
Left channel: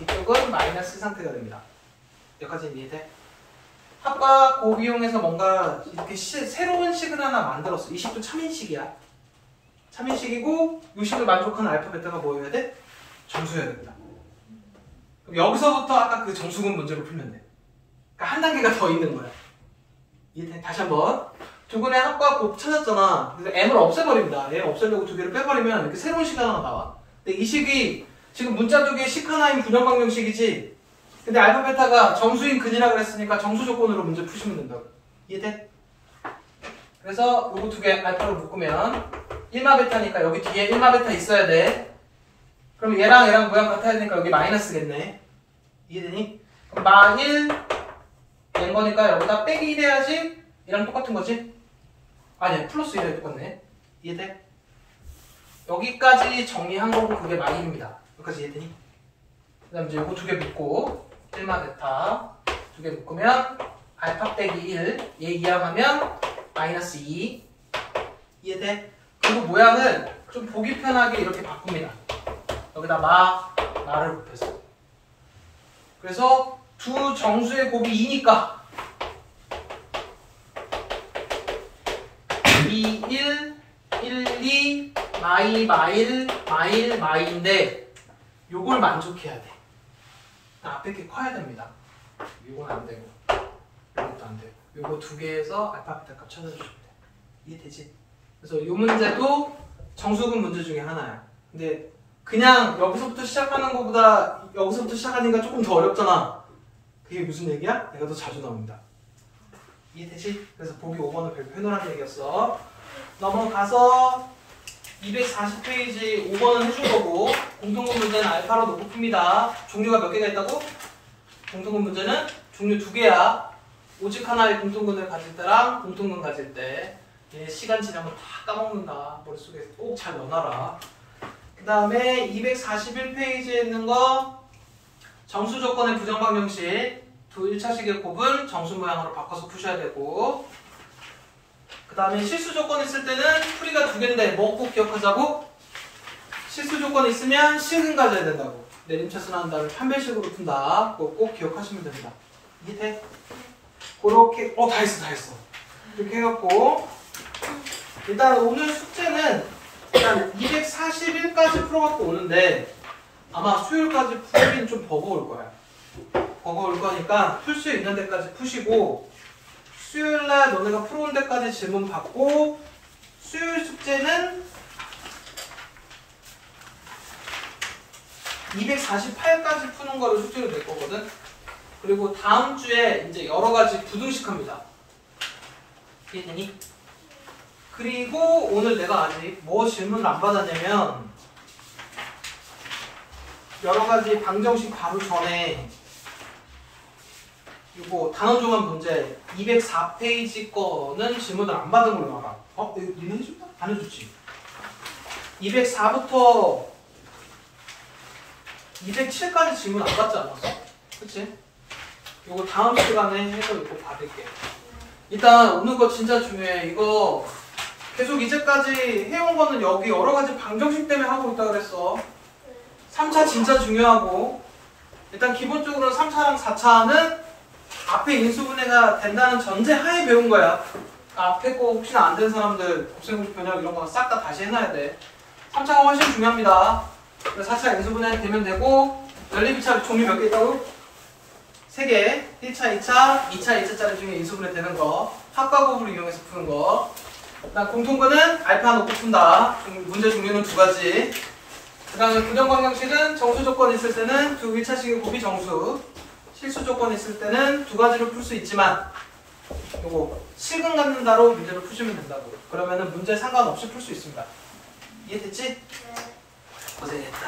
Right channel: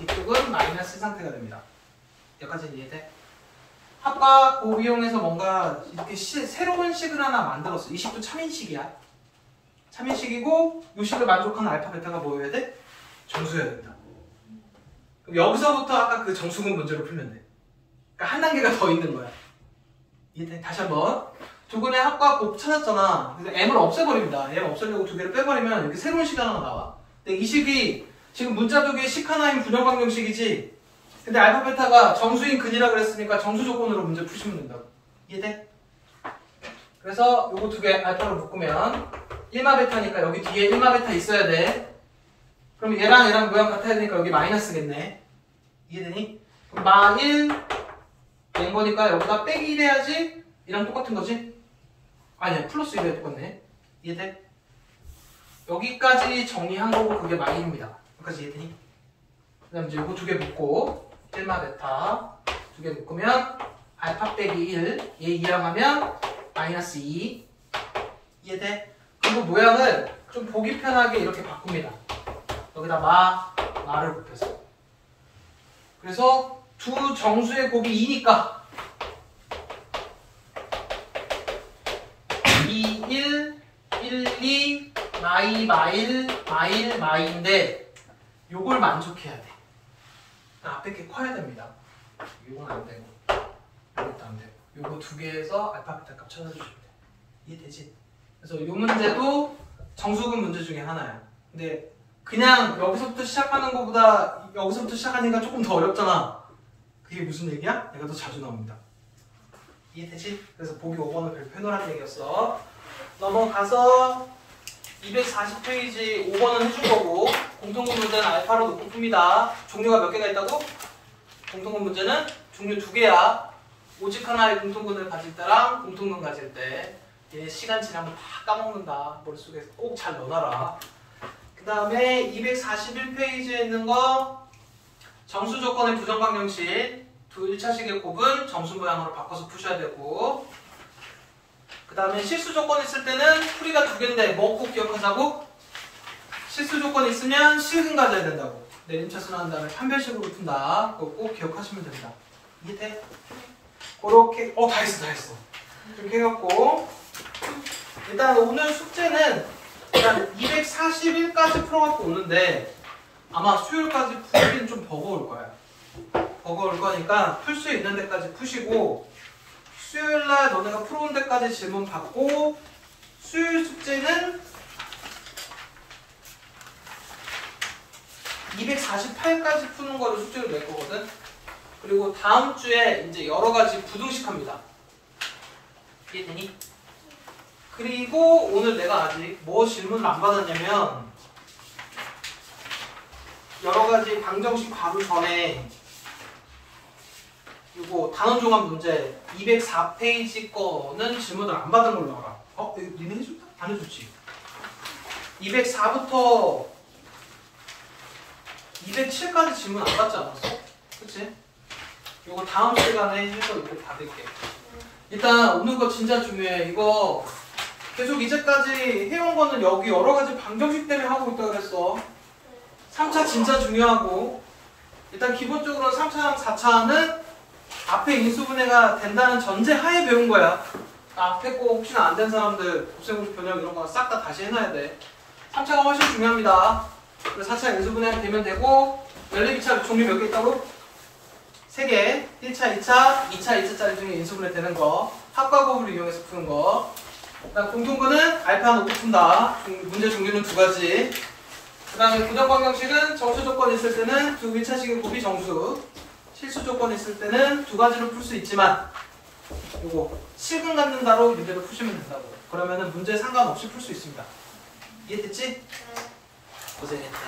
이쪽은 마이너스 상태가 됩니다. 여기까지 이해돼? 합과 곱 이용해서 뭔가 이렇게 새로운 식을 하나 만들었어. 이 식도 참인식이야. 참인식이고 이 식을 만족하는 알파, 베타가 뭐여야 돼? 정수여야 됩니다. 그럼 여기서부터 아까 그 정수근 문제로 풀면 돼. 그러니까 한 단계가 더 있는 거야. 이해돼? 다시 한번. 두근의 합과 곱 찾았잖아. 그래서 m을 없애버립니다. m 없애려고 두 개를 빼버리면 이렇게 새로운 식 하나가 나와. 근데 이 식이 지금 문자 두 개의 식 하나인 부정방정식이지. 근데 알파, 베타가 정수인 근이라 그랬으니까 정수 조건으로 문제 푸시면 된다고. 이해돼? 그래서 요거 두 개 알파로 묶으면 1마 베타니까 여기 뒤에 1마 베타 있어야 돼. 그럼 얘랑 모양 같아야 되니까 여기 마이너스겠네. 이해되니? 그럼 마1 된 거니까 여기다 빼기 1 해야지 얘랑 똑같은 거지? 아니야, 플러스 1에 똑같네. 이해돼? 여기까지 정리한 거고 그게 마1입니다. 여기까지 이해되니? 그 다음 이제 요거 두 개 묶고 1마 베타 두 개 묶으면 알파 빼기 1 얘 이항하면 마이너스 2 이해돼? 그리고 모양을 좀 보기 편하게 이렇게 바꿉니다. 여기다 마를 곱해서 그래서 두 정수의 곱이 2니까 2, 1, 1, 2 마일, 마인데 요걸 만족해야 돼. 앞에 게 커야 됩니다. 요건 안 되고 요것도 안 되고 요거 두 개에서 알파 베타 값 찾아주시면 돼. 이해되지? 그래서 요 문제도 정수근 문제 중에 하나야. 근데 그냥 여기서부터 시작하는 것보다 여기서부터 시작하니까 조금 더 어렵잖아. 그게 무슨 얘기야? 내가 더 자주 나옵니다. 이해되지? 그래서 보기 5번은 별표 해놓으라는 얘기였어. 넘어가서 240페이지 5번은 해줄 거고 공통분 문제는 알파로 놓고 풉니다. 종류가 몇 개가 있다고? 공통분 문제는 종류 2개야. 오직 하나의 공통근을 가질 때랑 공통근 가질 때 얘 시간 지나면 다 까먹는다. 머릿속에 꼭 잘 넣어놔라. 그 다음에 241페이지에 있는 거 정수 조건의 부정방정식 두 1차식의 곱은 정수 모양으로 바꿔서 푸셔야 되고 그 다음에 실수 조건 있을 때는 풀이가 2개인데 뭐 꼭 기억하자고? 실수 조건 있으면 실근 가져야 된다고. 내림차순 한 다음에 판별식으로 푼다. 그거 꼭 기억하시면 됩니다. 이해돼? 그렇게 다 했어. 이렇게 해갖고 일단 오늘 숙제는 일단 241까지 풀어갖고 오는데 아마 수요일까지 풀긴 좀 버거울 거야. 버거울 거니까 풀 수 있는 데까지 푸시고 수요일날 너네가 풀어온 데까지 질문 받고 수요일 숙제는 248까지 푸는 거를 숙제로 낼 거거든. 그리고 다음 주에 이제 여러 가지 부등식 합니다. 이해되니? 그리고 오늘 내가 아직 뭐 질문을 안 받았냐면 여러 가지 방정식 바로 전에 이거 단원종합 문제 204페이지 거는 질문을 안 받은 걸로 알아. 니네 해줬나? 안 해줬지. 204부터 207까지 질문 안 받지 않았어? 그치? 이거 다음 시간에 해서 이거 받을게. 일단 오늘 거 진짜 중요해. 이거 계속 이제까지 해온 거는 여기 여러 가지 방정식 때문에 하고 있다 그랬어. 3차 진짜 중요하고 일단 기본적으로 3차랑 4차는 앞에 인수분해가 된다는 전제 하에 배운 거야. 앞에 거 혹시나 안 된 사람들 곱셈공식 변형 이런 거 싹 다 다시 해놔야 돼. 3차가 훨씬 중요합니다. 4차 인수분해 되면 되고 연립 2차 종류 몇 개 있다고? 3개. 1차, 2차, 2차, 2차짜리 중에 인수분해 되는 거. 합과곱을 이용해서 푸는 거. 그다음 공통근은 알파 놓고 푼다. 문제 종류는 2가지. 그 다음에 부정방정식은 정수 조건 있을 때는 두 1차식의 곱이 정수, 실수 조건 있을 때는 2가지로 풀 수 있지만 요거 실근 갖는다로 문제를 푸시면 된다고. 그러면은 문제 상관없이 풀 수 있습니다. 이해됐지? 고생했다.